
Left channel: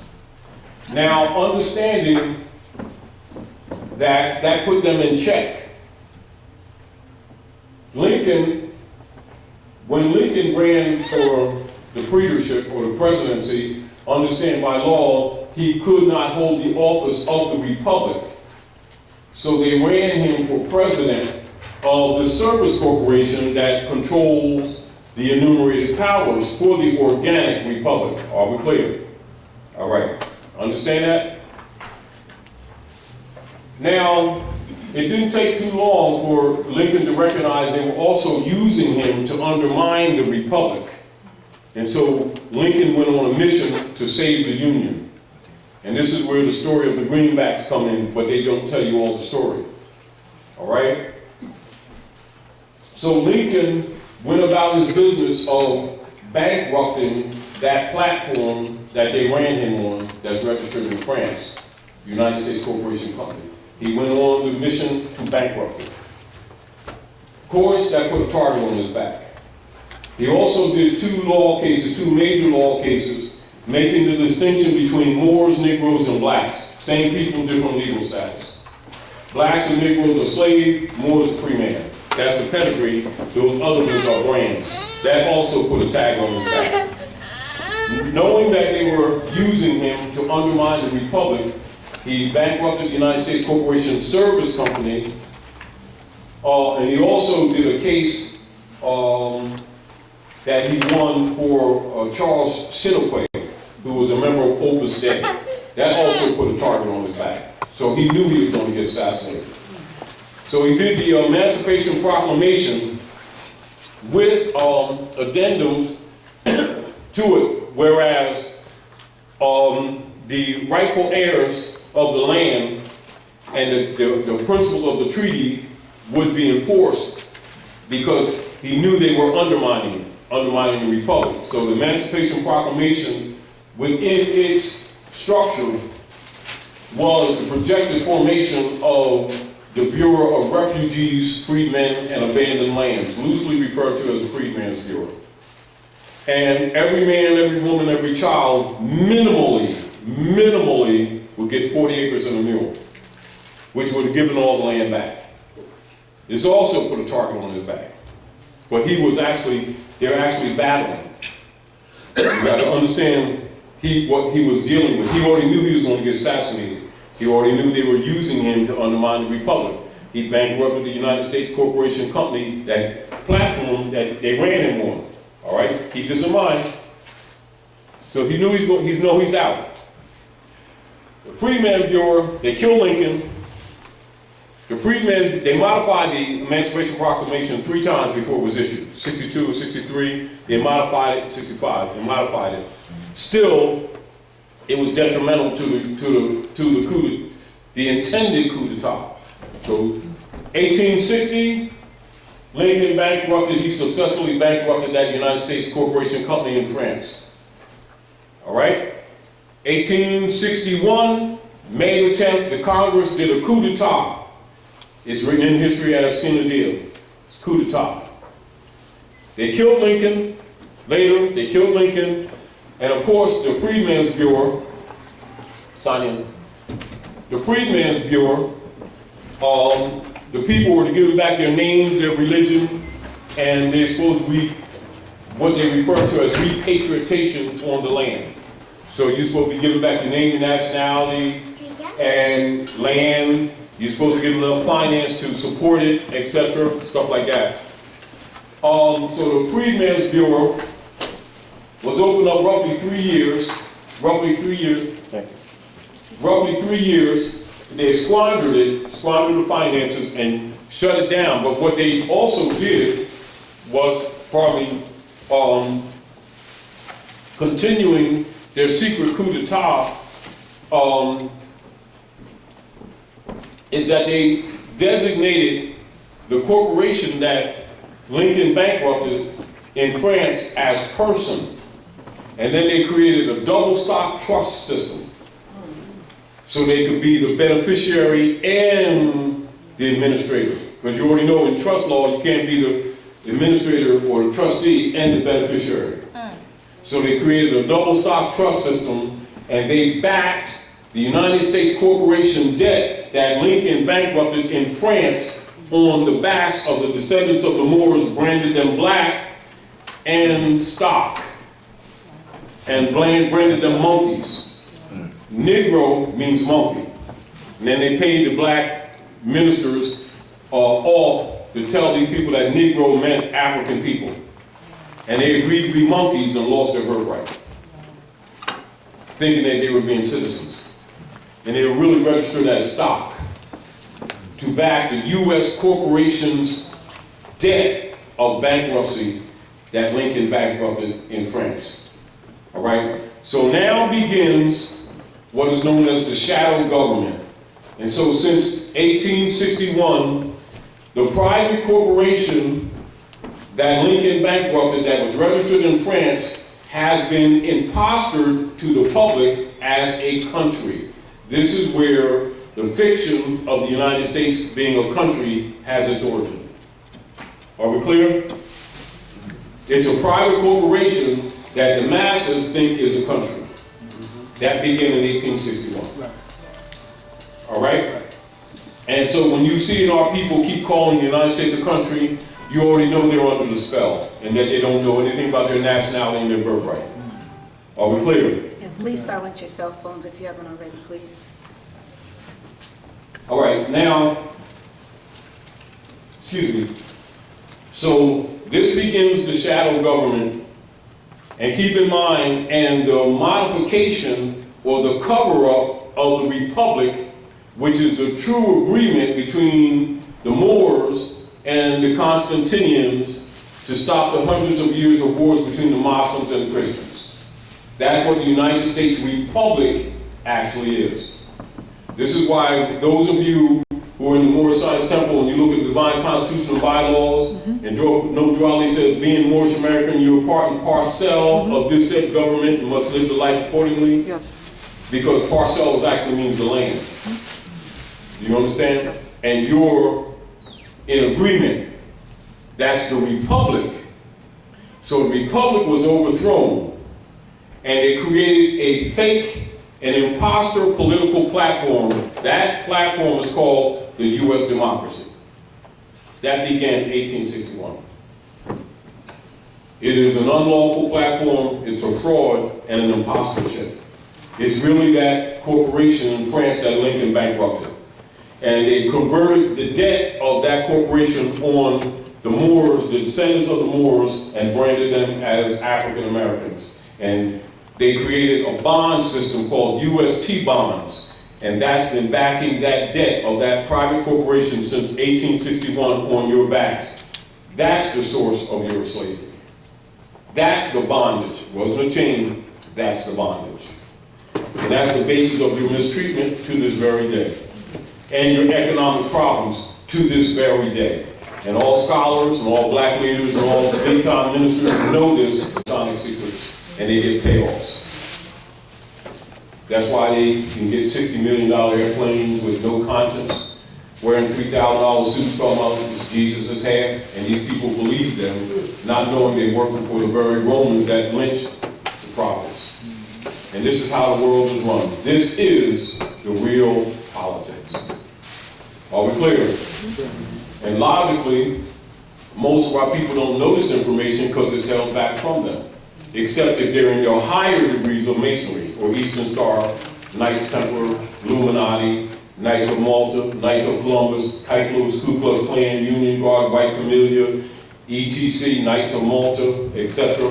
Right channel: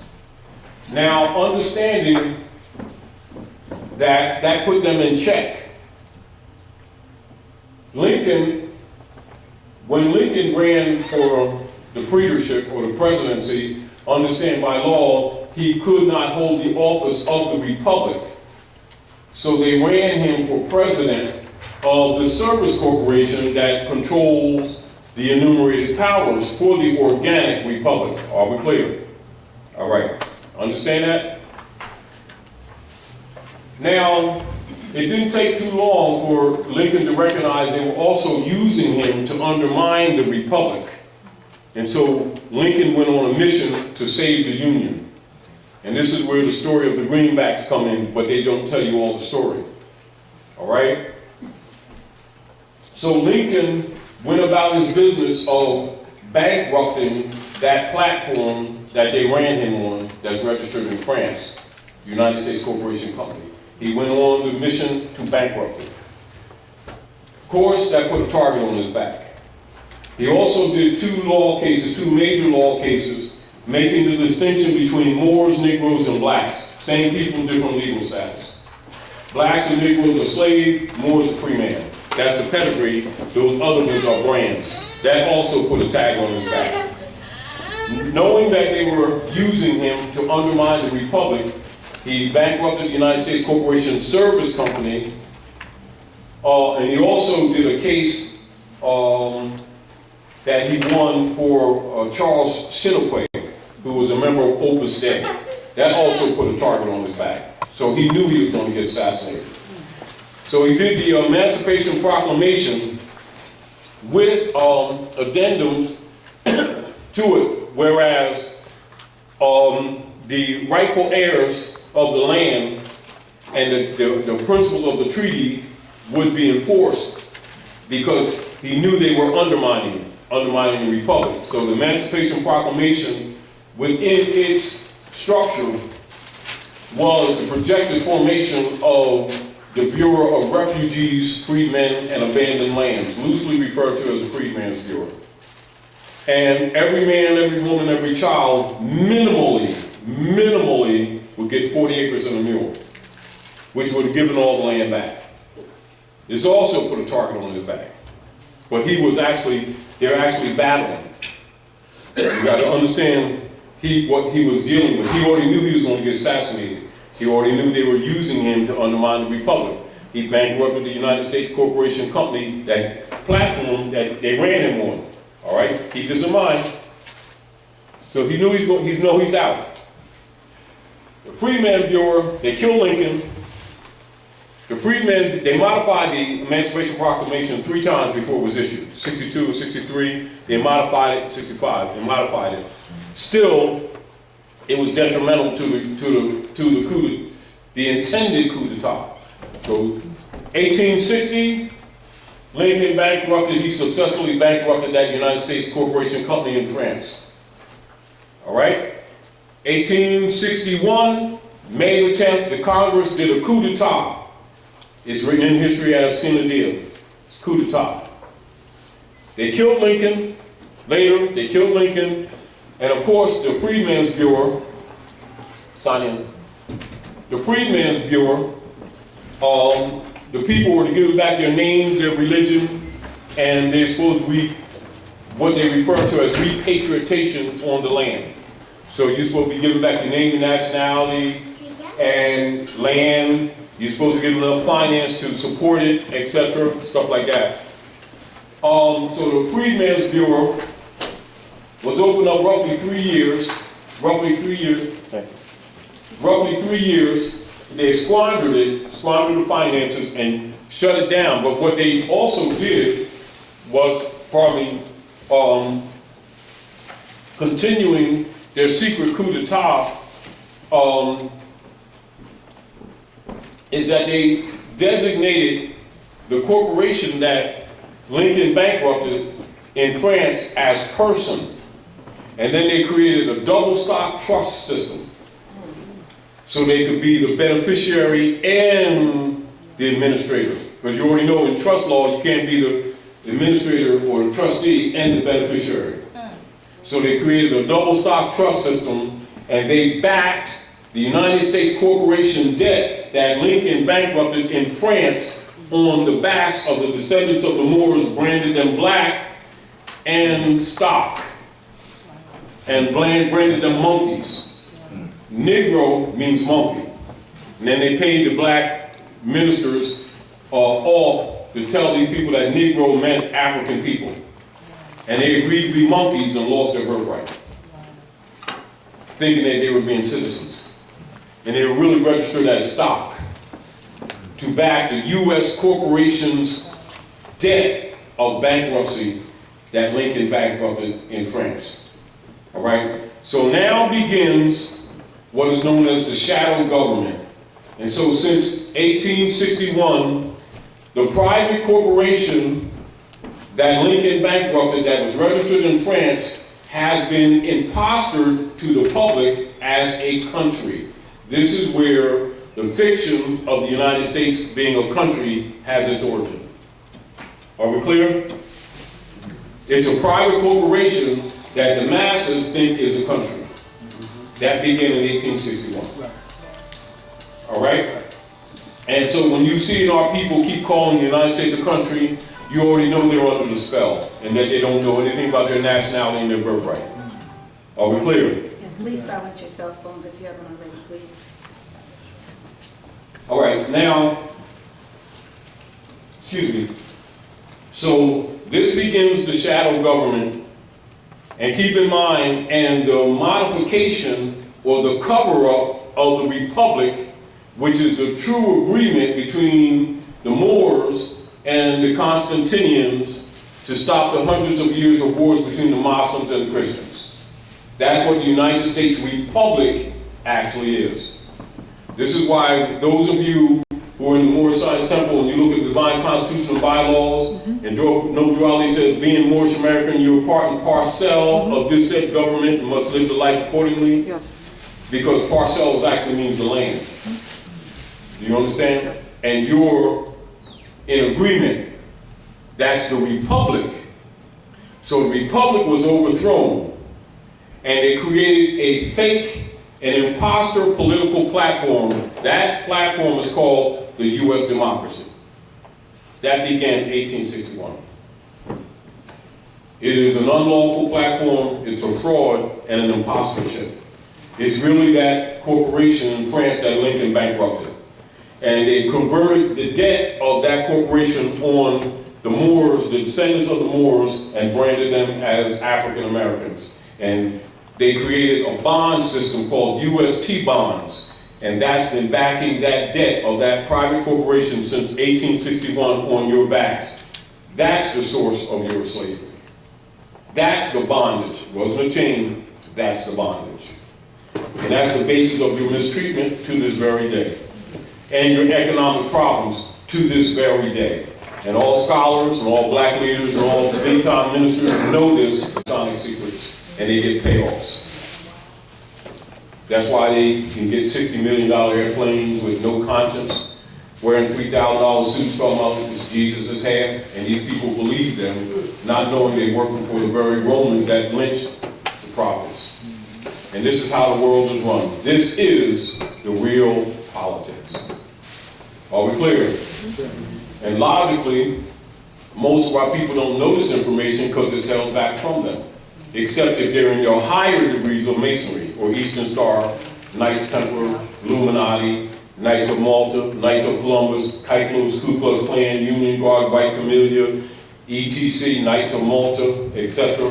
Now, understanding that put them in check. Lincoln, when Lincoln ran for the praetorship or the presidency, understand by law, he could not hold the office of the republic. So they ran him for president of the Service Corporation that controls the enumerated powers for the organic republic. Are we clear? All right. Understand that? Now, it didn't take too long for Lincoln to recognize they were also using him to undermine the republic. And so Lincoln went on a mission to save the Union. And this is where the story of the greenbacks come in, but they don't tell you all the story. All right? So Lincoln went about his business of bankrupting that platform that they ran him on that's registered in France, United States Corporation Company. He went on the mission to bankrupt it. Of course, that put a target on his back. He also did two major law cases, making the distinction between Moors, Negroes, and blacks. Same people, different legal status. Blacks and Negroes are slave, Moors are free man. That's the pedigree. Those other ones are brands. That also put a tag on his back. Knowing that they were using him to undermine the Republic, he bankrupted the United States Corporation Service Company, and he also did a case that he won for Charles Chinquapay, who was a member of Opus Dei. That also put a target on his back. So he knew he was going to get assassinated. So he did the Emancipation Proclamation with addendums to it, whereas the rightful heirs of the land and the principles of the treaty would be enforced because he knew they were undermining the Republic. So the Emancipation Proclamation, within its structure, was the projected formation of the Bureau of Refugees, Freedmen, and Abandoned Lands, loosely referred to as the Freedmen's Bureau. And every man, every woman, every child, minimally would get 40 acres and a mule, which would have given all the land back. This also put a target on his back. But they're actually battling. You got to understand what he was dealing with. He already knew he was going to get assassinated. He already knew they were using him to undermine the Republic. He bankrupted the United States Corporation Company, that platform that they ran him on. All right, keep this in mind. So he knew he's out. The Freedmen's Bureau, they killed Lincoln. The Freedmen, they modified the Emancipation Proclamation 3 times before it was issued. 62, 63, they modified it, 65, they modified it. Still, it was detrimental to the intended coup d'etat. So 1860, Lincoln bankrupted, he successfully bankrupted that United States Corporation Company in France. All right? 1861, May the 10th, the Congress did a coup d'etat. It's written in history as sine die. It's coup d'etat. They killed Lincoln. Later, they killed Lincoln. And of course, the Freedmen's Bureau, sign in. The Freedmen's Bureau, the people were to give back their names, their religion, and they're supposed to be what they refer to as repatriation on the land. So you're supposed to be giving back your name, your nationality, and land. You're supposed to give enough finance to support it, etc., stuff like that. So the Freedmen's Bureau was opened up roughly 3 years. They squandered the finances and shut it down. But what they also did was continuing their secret coup d'etat, is that they designated the corporation that Lincoln bankrupted in France as person. And then they created a double stock trust system. So they could be the beneficiary and the administrator. Because you already know in trust law, you can't be the administrator or the trustee and the beneficiary. So they created a double stock trust system, and they backed the United States Corporation debt that Lincoln bankrupted in France on the backs of the descendants of the Moors, branded them black and stock, and branded them monkeys. Negro means monkey. And then they paid the black ministers off to tell these people that Negro meant African people. And they agreed to be monkeys and lost their birthright, thinking that they were being citizens. And they were really registered as stock to back the U.S. corporation's debt of bankruptcy that Lincoln bankrupted in France. All right? So now begins what is known as the shadow government. And so since 1861, The private corporation that Lincoln bankrupted, that was registered in France, has been impostered to the public as a country. This is where the fiction of the United States being a country has its origin. Are we clear? It's a private corporation that the masses think is a country. That began in 1861. All right? And so when you see our people keep calling the United States a country, you already know they're under the spell and that they don't know anything about their nationality and their birthright. Are we clear? Yeah, please silence your cell phones if you haven't already, please. All right, now, excuse me. So this begins the shadow government, and keep in mind, and the modification or the cover-up of the republic, which is the true agreement between the Moors and the Constantinians to stop the hundreds of years of wars between the Muslims and the Christians. That's what the United States Republic actually is. This is why those of you who are in the Moorish Science Temple, and you look at the divine constitutional bylaws, and draw says, being Moorish American, you're part and parcel of this said government and must live the life accordingly. Yes. Because parcels actually means the land. Do you understand? Yes. And you're in agreement. That's the republic. So the republic was overthrown, and they created a fake, an imposter political platform. That platform is called the U.S. democracy. That began in 1861. It is an unlawful platform, it's a fraud, and an impostorship. It's really that corporation in France that Lincoln bankrupted. And they converted the debt of that corporation on the Moors, the descendants of the Moors, and branded them as African Americans. And they created a bond system called UST bonds, and that's been backing that debt of that private corporation since 1861 on your backs. That's the source of your slavery. That's the bondage. It wasn't a chain, that's the bondage. And that's the basis of your mistreatment to this very day, and your economic problems to this very day. And all scholars and all black leaders and all daytime ministers know this Masonic secrets, and they get payoffs. That's why they can get $60 million airplanes with no conscience, wearing $3,000 suits talking about it's Jesus' half, and these people believe them, not knowing they're working for the very Romans that lynched the prophets. And this is how the world is run. This is the real politics. Are we clear? And logically, most of our people don't know this information because it's held back from them, except if they're in their higher degrees of Masonry, or Eastern Star, Knights Templar, Illuminati, Knights of Malta, Knights of Columbus, Kyklos, Ku Klux Klan, Union Guard, White Camellia, ETC, Knights of Malta, etc.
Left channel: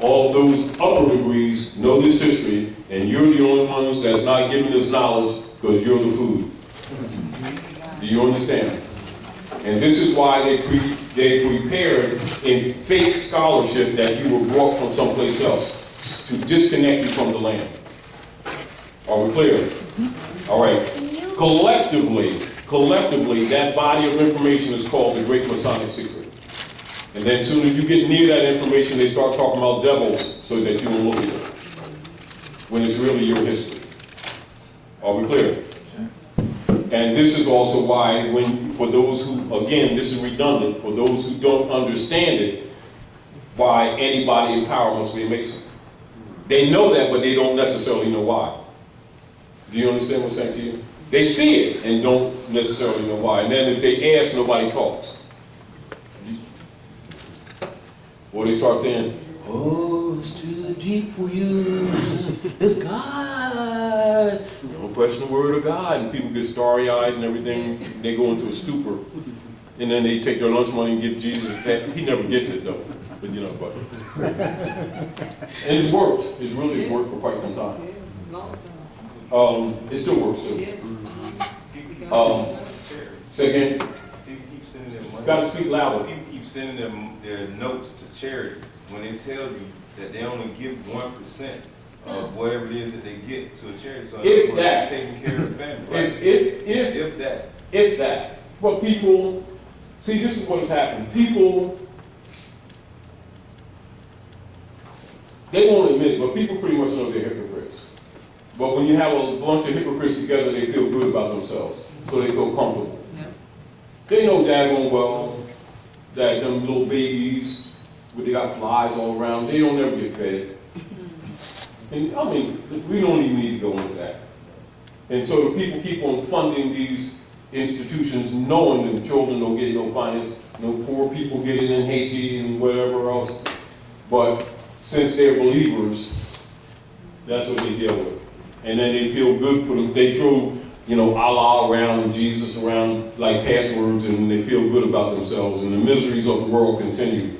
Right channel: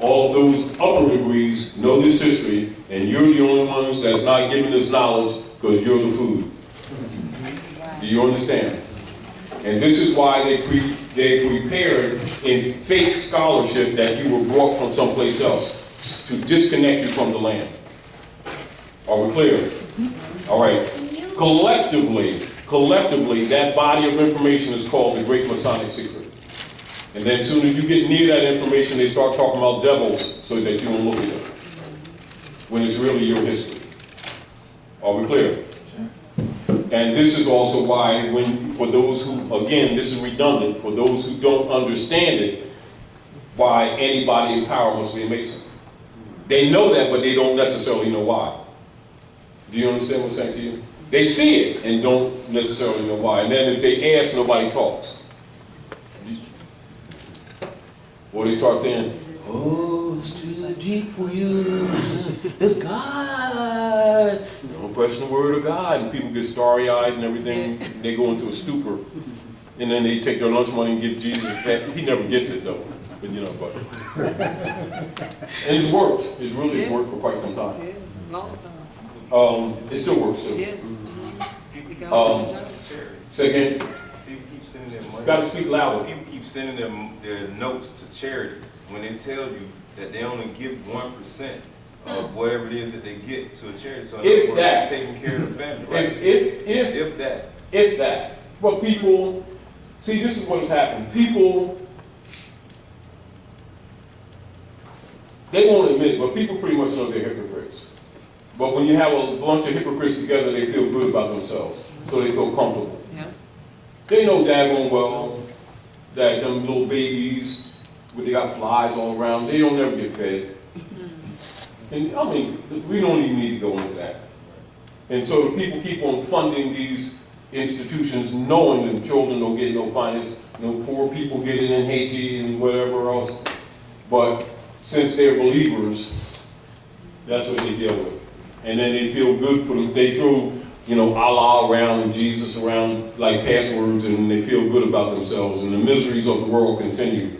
All those upper degrees know this history, and you're the only ones that's not giving this knowledge because you're the food. Do you understand? And this is why they prepared in fake scholarship that you were brought from someplace else to disconnect you from the land. Are we clear? All right. Collectively, that body of information is called the Great Masonic Secret. And then as soon as you get near that information, they start talking about devils so that you don't look at it, when it's really your history. Are we clear? And this is also why, for those who, again, this is redundant, for those who don't understand it, why anybody in power must be a Mason. They know that, but they don't necessarily know why. Do you understand what I'm saying to you? They see it and don't necessarily know why. And then if they ask, nobody talks. Or they start saying, oh, it's too deep for you. It's God. You don't question the word of God. And people get starry-eyed and everything. They go into a stupor. And then they take their lunch money and give Jesus a set. He never gets it, though. But you know, but. And it's worked. It really has worked for quite some time. It still works, too. Say again. People keep sending their money. Got to speak louder. People keep sending them their notes to charities when they tell you that they only give 1% of whatever it is that they get to a charity. So If that. taking care of the family, right? If If that. If that. But people See, this is what has happened. People, they won't admit it, but people pretty much know they're hypocrites. But when you have a bunch of hypocrites together, they feel good about themselves, so they feel comfortable. Yeah. They know daggone well that them little babies, where they got flies all around, they don't ever get fed. And I mean, we don't even need to go into that. And so the people keep on funding these institutions, knowing that children don't get no finance, no poor people get it in Haiti and whatever else. But since they're believers, that's what they deal with. And then they feel good for them. They throw, Allah around and Jesus around like passwords, and they feel good about themselves. And the miseries of the world continue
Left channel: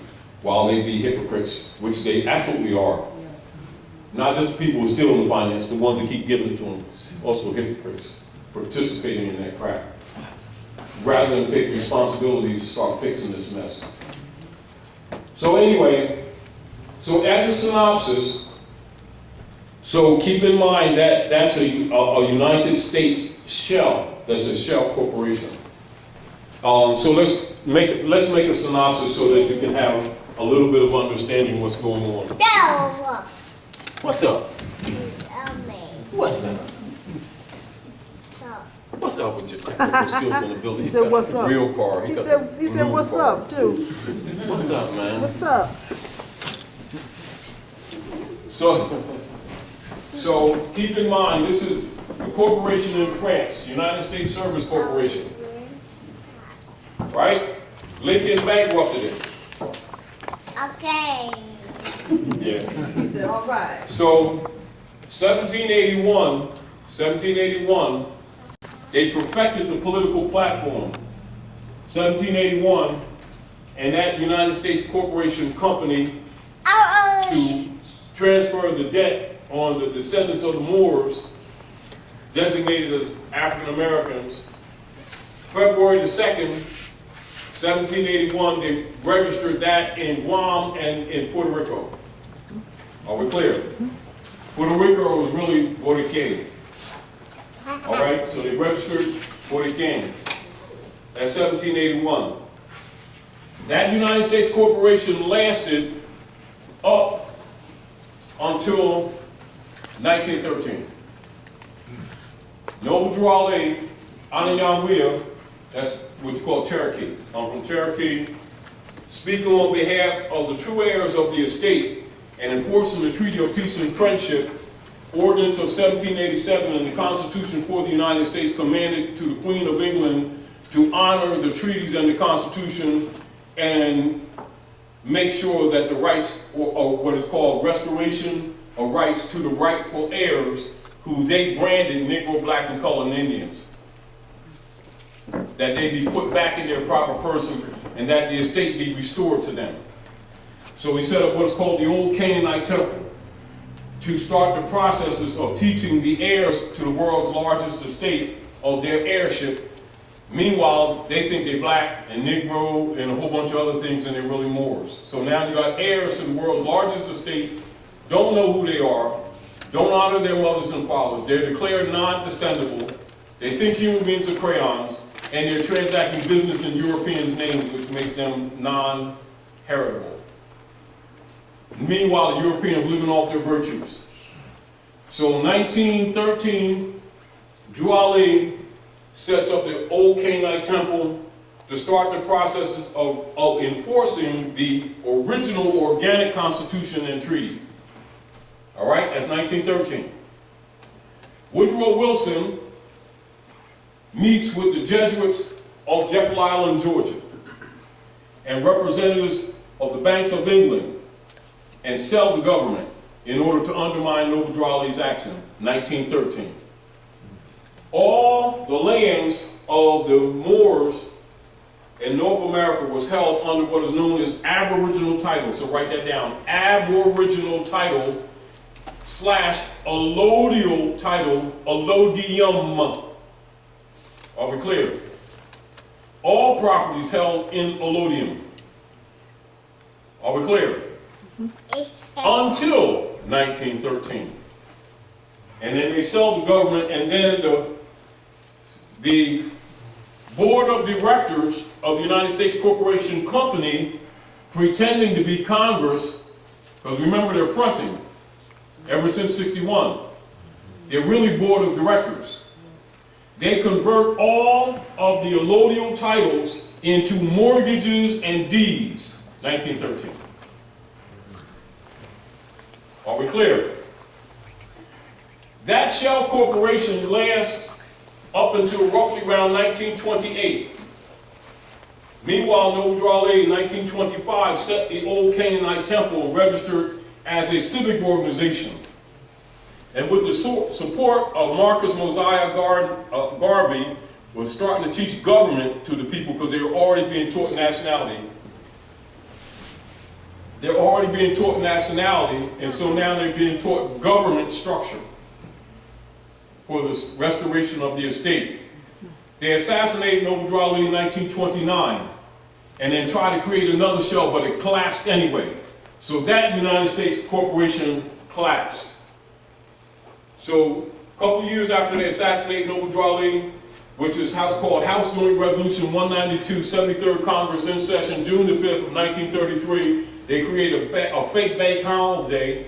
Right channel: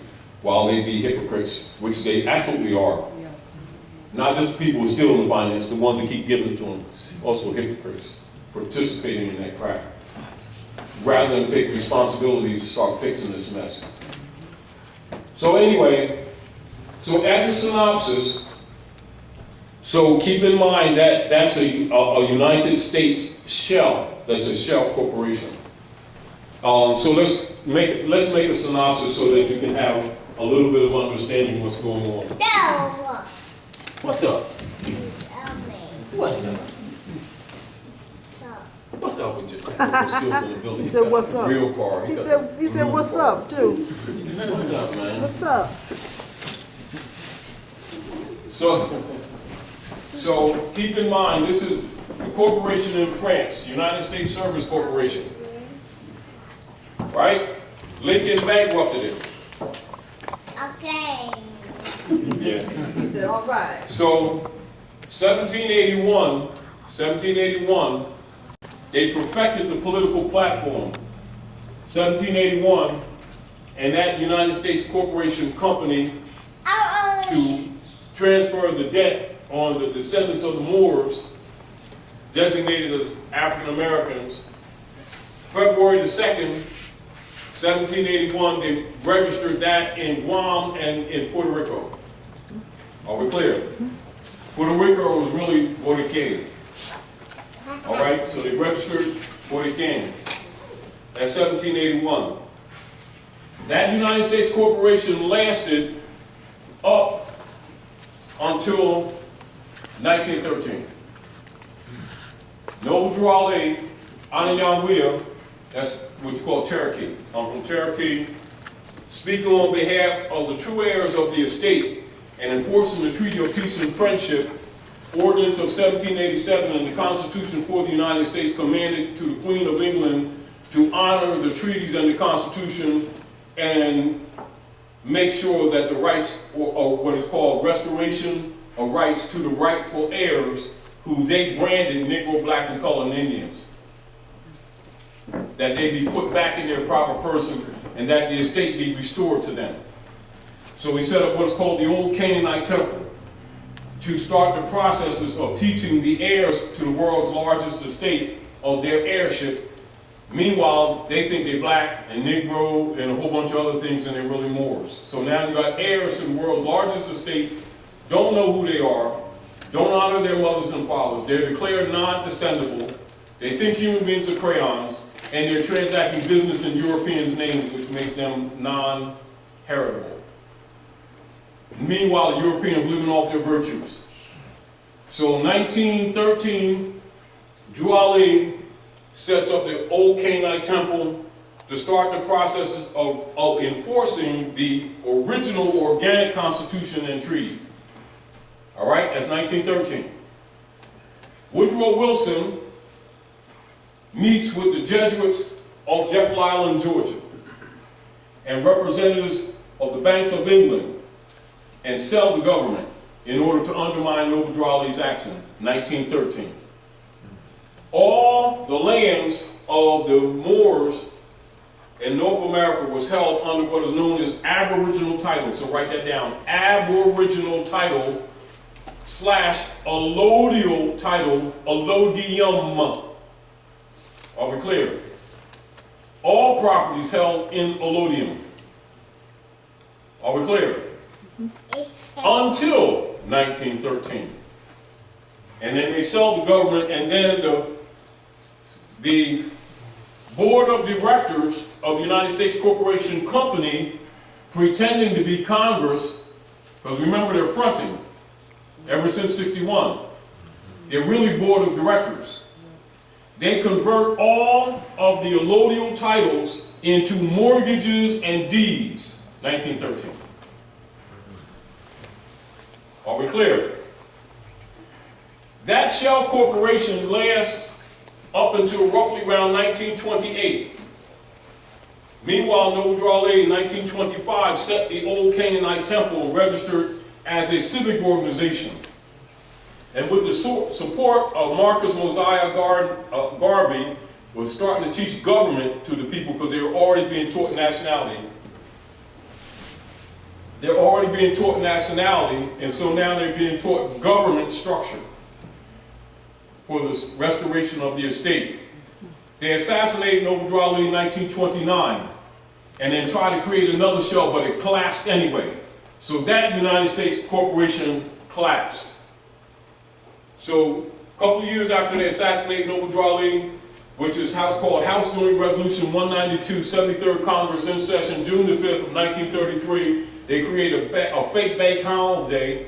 while they be hypocrites, which they absolutely are. Not just the people who steal the finance, the ones that keep giving it to them, also hypocrites, participating in that crap. Rather than take responsibility to start fixing this mess. So anyway, so as a synopsis, so keep in mind that that's a United States shell. That's a shell corporation. So let's make a synopsis so that you can have a little bit of understanding what's going on. What's up? What's up? What's up with your technical skills in the building? He said, "What's up?" Real car. He said, "What's up?" too. What's up, man? What's up? So keep in mind, this is a corporation in France, United States Service Corporation. Right? Lincoln bankrupted it. Okay. Yeah. He said, "All right." So 1781, they perfected the political platform. 1781, and that United States Corporation Company to transfer the debt on the descendants of the Moors, designated as African Americans. February the 2nd, 1781, they registered that in Guam and in Puerto Rico. Are we clear? Puerto Rico was really Puerto Rican. All right, so they registered Puerto Rican. That's 1781. That United States Corporation lasted up until 1913. Noble Drew Ali, Anayamwea, that's what you call Cherokee. I'm from Cherokee, speaking on behalf of the true heirs of the estate and enforcing the Treaty of Peace and Friendship, Ordinance of 1787, and the Constitution for the United States commanded to the Queen of England to honor the treaties and the Constitution and make sure that the rights, or what is called restoration of rights to the rightful heirs, who they branded Negro, Black, and Colored Indians, that they be put back in their proper person and that the estate be restored to them. So we set up what's called the Old Canaanite Temple to start the processes of teaching the heirs to the world's largest estate of their heirship. Meanwhile, they think they're black and Negro and a whole bunch of other things, and they're really Moors. So now you got heirs to the world's largest estate, don't know who they are, don't honor their mothers and fathers. They're declared non-descendable. They think human beings are crayons, and they're transacting business in Europeans' names, which makes them non-heritable. Meanwhile, the Europeans living off their virtues. So in 1913, Drew Ali sets up the Old Canaanite Temple to start the processes of enforcing the original organic Constitution and treaties. All right, that's 1913. Woodrow Wilson meets with the Jesuits of Jekyll Island, Georgia, and representatives of the Banks of England, and sell the government in order to undermine Noble Drew Ali's action, 1913. All the lands of the Moors in North America was held under what is known as aboriginal titles. So write that down, aboriginal titles / allodial title, allodium. Are we clear? All properties held in allodium. Are we clear? Until 1913. And then they sell the government, and then the board of directors of the United States Corporation Company pretending to be Congress, because remember they're fronting ever since 61. They're really board of directors. They convert all of the allodial titles into mortgages and deeds, 1913. Are we clear? That shell corporation lasts up until roughly around 1928. Meanwhile, Noble Drawley in 1925 set the old Canaanite temple and registered as a civic organization. And with the support of Marcus Mosiah Garvey, was starting to teach government to the people because they were already being taught nationality. They're already being taught nationality, and so now they're being taught government structure for the restoration of the estate. They assassinated Noble Drawley in 1929, and then tried to create another shell, but it collapsed anyway. So that United States corporation collapsed. So a couple of years after they assassinated Noble Drawley, which is called House Joint Resolution 192, 73rd Congress in session, June the 5th of 1933, they create a fake bank holiday,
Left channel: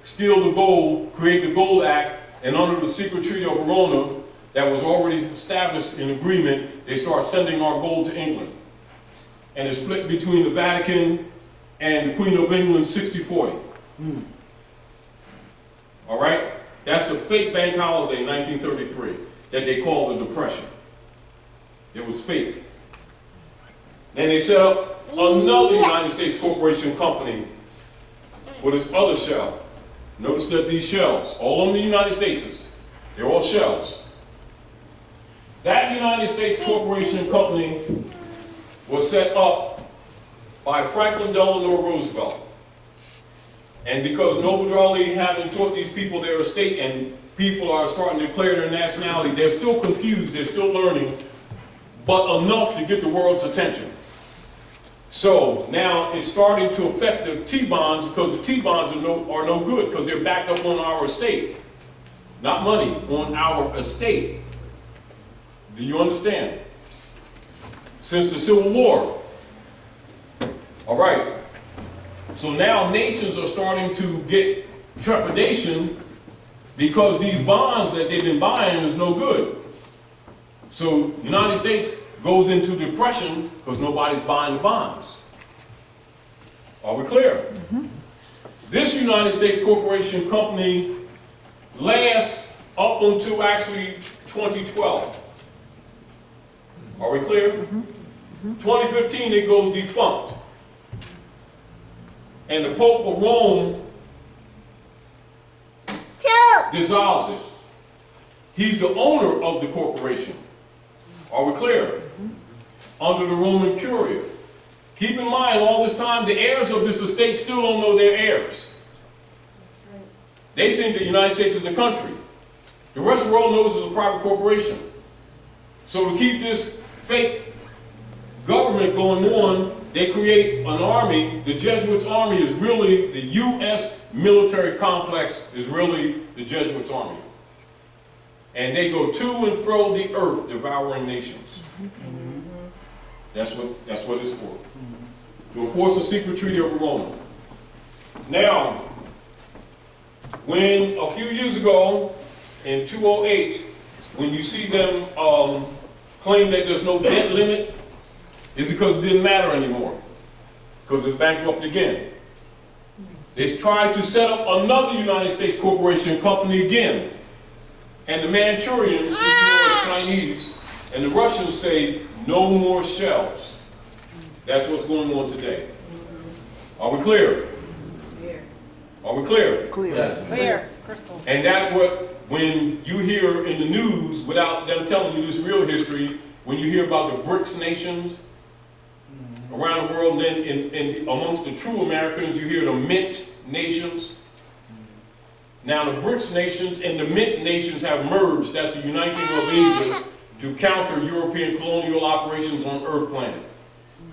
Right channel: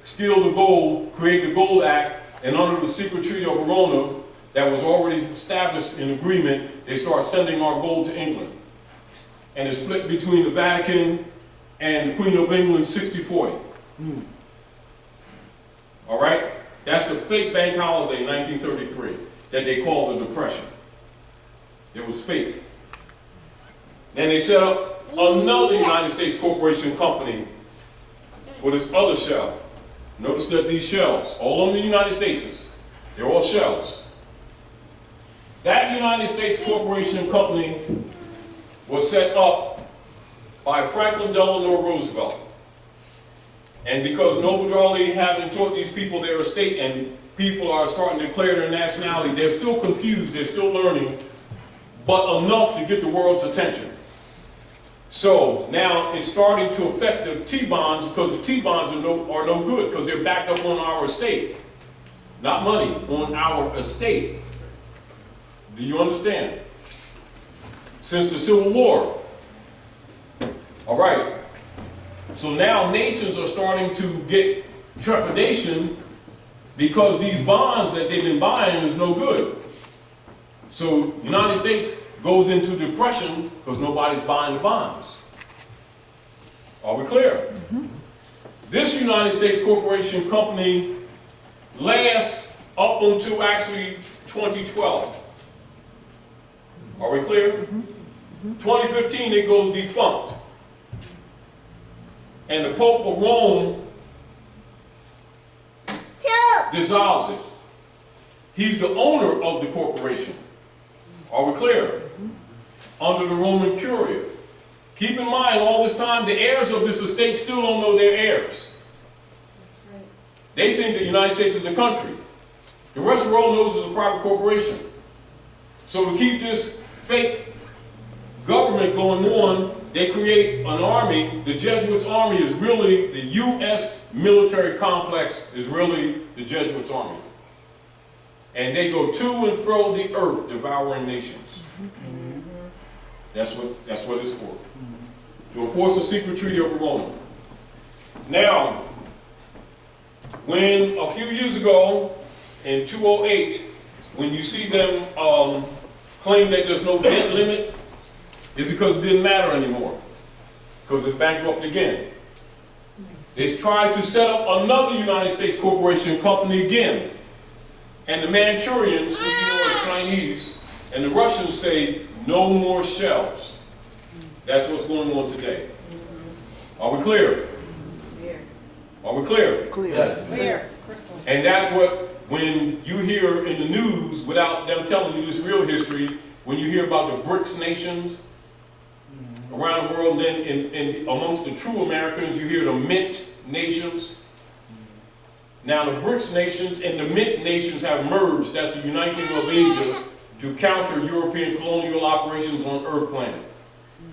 steal the gold, create the Gold Act, and under the secret treaty of Verona that was already established in agreement, they start sending our gold to England. And it's split between the Vatican and the Queen of England 60-40. All right? That's the fake bank holiday, 1933, that they call the Depression. It was fake. Then they set up another United States Corporation Company for this other shell. Notice that these shells, all of the United States, they're all shells. That United States Corporation Company was set up by Franklin Delano Roosevelt. And because Noble Drawley having taught these people their estate and people are starting to declare their nationality, they're still confused, they're still learning, but enough to get the world's attention. So now it's starting to affect the T-bonds because the T-bonds are no good because they're backed up on our estate. Not money, on our estate. Do you understand? Since the Civil War. All right. So now nations are starting to get trepidation because these bonds that they've been buying is no good. So the United States goes into depression because nobody's buying the bonds. Are we clear? Mm-hmm. This United States Corporation Company lasts up until actually 2012. Are we clear? Mm-hmm. Mm-hmm. 2015 it goes defunct. And the Pope of Rome dissolves it. He's the owner of the corporation. Are we clear? Mm-hmm. Under the Roman Curia. Keep in mind, all this time, the heirs of this estate still don't know their heirs. Right. They think the United States is a country. The rest of the world knows it's a private corporation. So to keep this fake government going on, they create an army. The Jesuits' army is really, the U.S. military complex is really the Jesuits' army. And they go to and fro the earth, devouring nations. Mm-hmm. That's what it's for. Mm-hmm. To enforce the secret treaty of Verona. Now, when a few years ago, in 2008, when you see them claim that there's no debt limit, it's because it didn't matter anymore. Because it's bankrupt again. They tried to set up another United States Corporation Company again. And the Manchurians, who you know as Chinese, and the Russians say, no more shells. That's what's going on today. Are we clear? Are we clear? Clear. Yes. Clear. Crystal. And that's what, when you hear in the news, without them telling you this real history, when you hear about the BRICS nations around the world, then amongst the true Americans, you hear the Mint nations. Now the BRICS nations and the Mint nations have merged. That's the uniting of Asia to counter European colonial operations on Earth planet.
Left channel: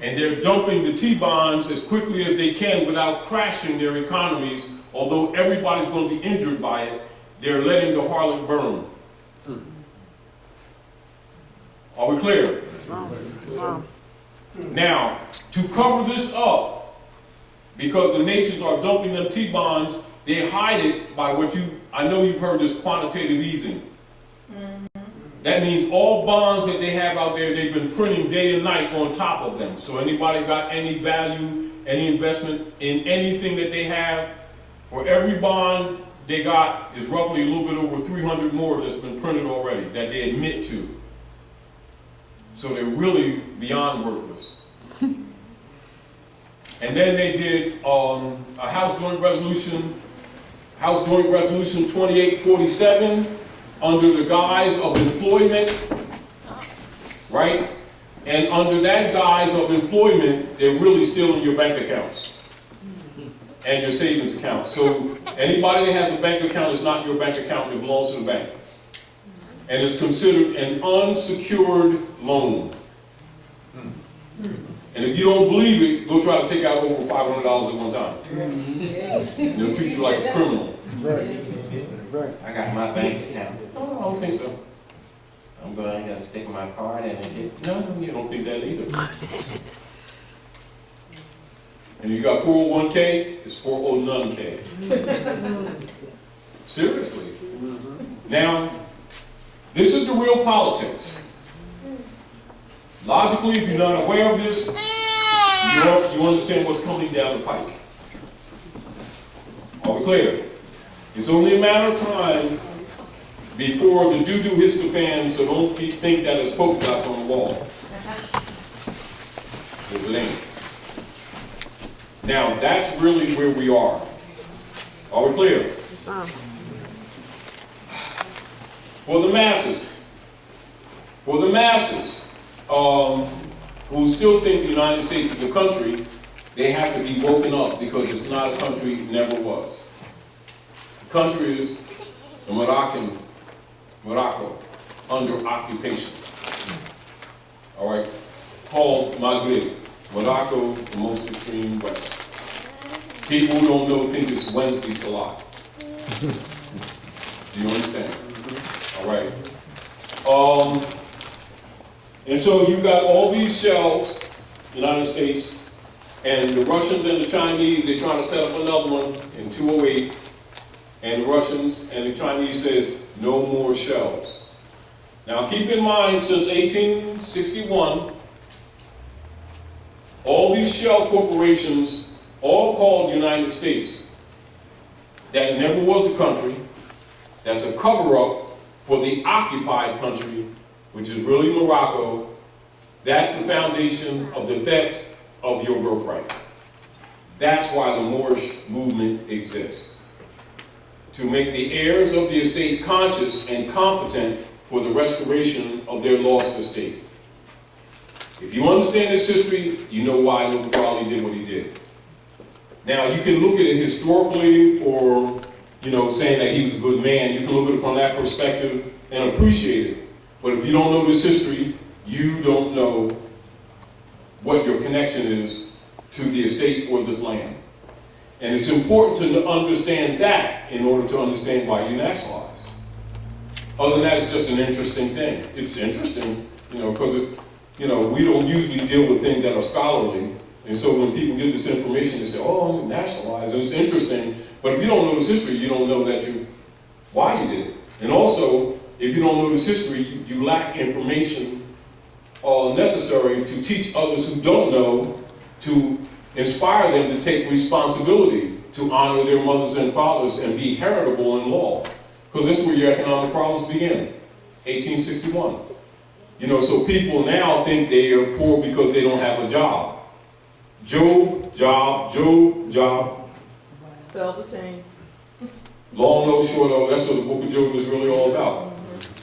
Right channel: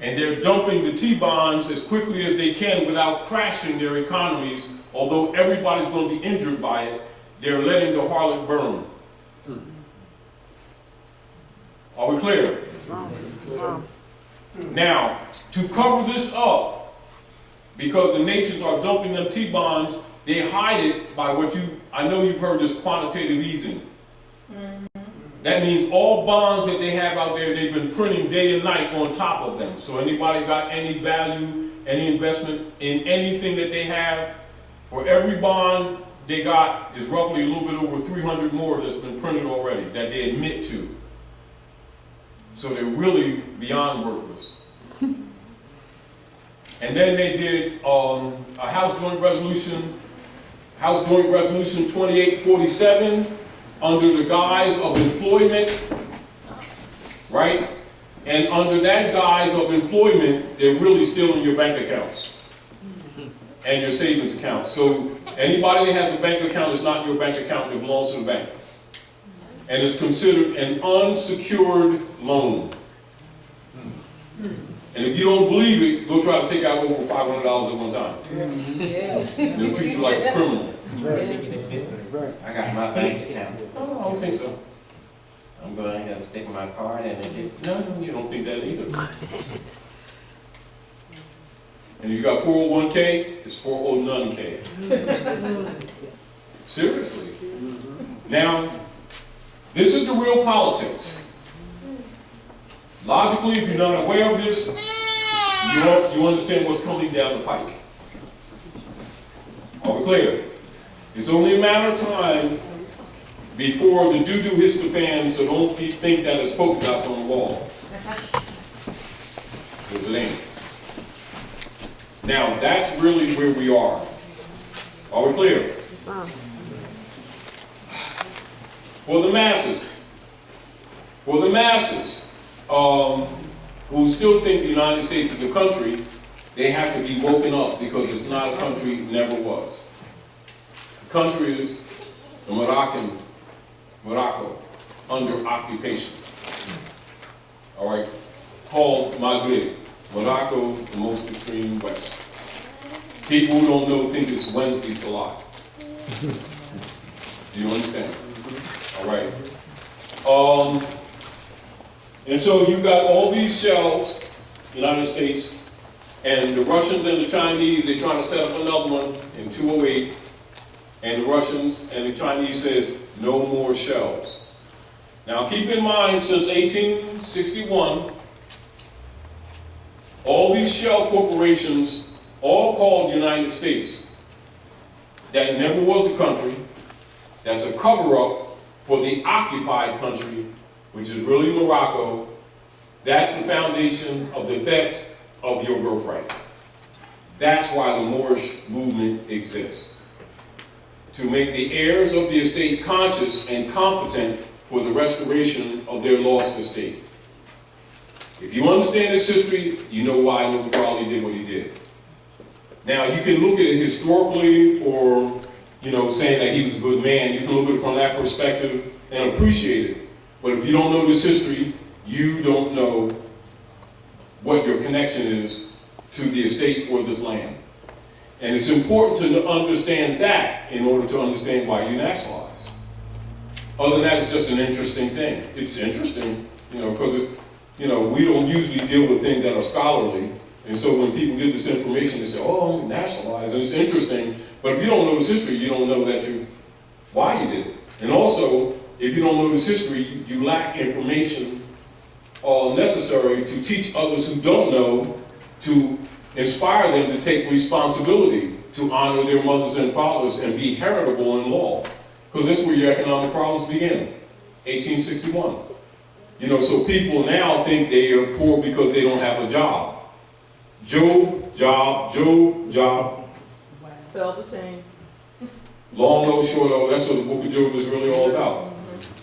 And they're dumping the T-bonds as quickly as they can without crashing their economies. Although everybody's going to be injured by it, they're letting the harlot burn. Are we clear? Wow. Now, to cover this up, because the nations are dumping them T-bonds, they hide it by I know you've heard this quantitative easing. That means all bonds that they have out there, they've been printing day and night on top of them. So anybody got any value, any investment in anything that they have, for every bond they got is roughly a little bit over 300 more that's been printed already that they admit to. So they're really beyond worthless. And then they did a House Joint Resolution 2847 under the guise of employment, right? And under that guise of employment, they're really stealing your bank accounts and your savings accounts. So anybody that has a bank account is not your bank account, it belongs to the bank. And it's considered an unsecured loan. And if you don't believe it, go try to take out over $500 at one time. And they'll treat you like a criminal. I got my bank account. Oh, I don't think so. I'm gonna stick my card in it. No, you don't think that either. And you got 401k, it's 409k. Seriously. Now, this is the real politics. Logically, if you're not aware of this, you understand what's coming down the pike. Are we clear? It's only a matter of time before the doo-doo hits the fan, so don't think that it's polka dots on the wall. Because it ain't. Now, that's really where we are. Are we clear? For the masses, who still think the United States is a country, they have to be woken up because it's not a country, it never was. The country is the Morocco, under occupation. All right, called Maghreb. Morocco, the most extreme west. People who don't know think it's Wednesday Salat. Do you understand? All right. And so you got all these shells, United States, and the Russians and the Chinese, they're trying to set up another one in 208, and the Russians and the Chinese says, no more shells. Now keep in mind, since 1861, all these shell corporations, all called United States, that never was the country, that's a cover-up for the occupied country, which is really Morocco. That's the foundation of the theft of your birthright. That's why the Moorish movement exists. To make the heirs of the estate conscious and competent for the restoration of their lost estate. If you understand this history, you know why Noble Raleigh did what he did. Now, you can look at it historically or, saying that he was a good man. You can look at it from that perspective and appreciate it. But if you don't know this history, you don't know what your connection is to the estate or this land. And it's important to understand that in order to understand why you nationalize. Other than that, it's just an interesting thing. It's interesting, because we don't usually deal with things that are scholarly. And so when people get this information, they say, oh, I'm nationalized. And it's interesting. But if you don't know this history, you don't know why you did it. And also, if you don't know this history, you lack information necessary to teach others who don't know, to inspire them to take responsibility, to honor their mothers and fathers and be heritable in law. Because that's where your economic problems begin, 1861. So people now think they are poor because they don't have a job. Job, job. Spelled the same. Long, no, short, oh, that's what the book of Job is really all about.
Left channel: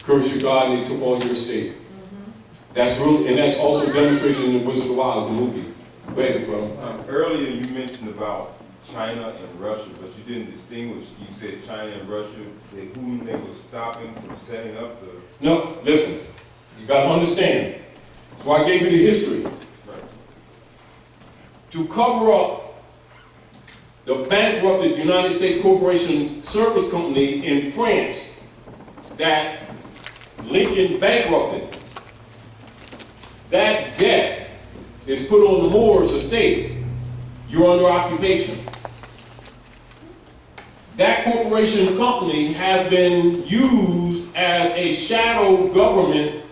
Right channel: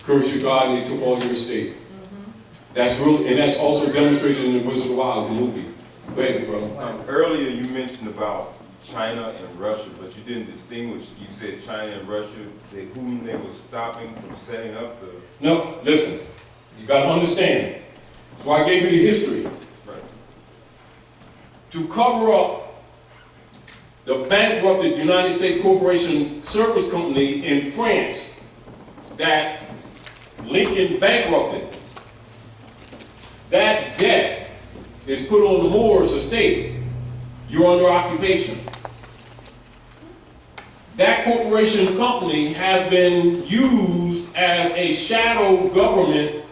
Curse your God and he took all your estate. That's really, and that's also demonstrated in the Wizard of Oz, the movie. Go ahead, bro. Earlier you mentioned about China and Russia, but you didn't distinguish. You said China and Russia, whom they were stopping from setting up the... No, listen. You got to understand. That's why I gave you the history. Right. To cover up the bankrupted United States Corporation Service Company in France that Lincoln bankrupted. that debt is put on the Moorish estate, you're under occupation. That corporation company has been used as a shadow government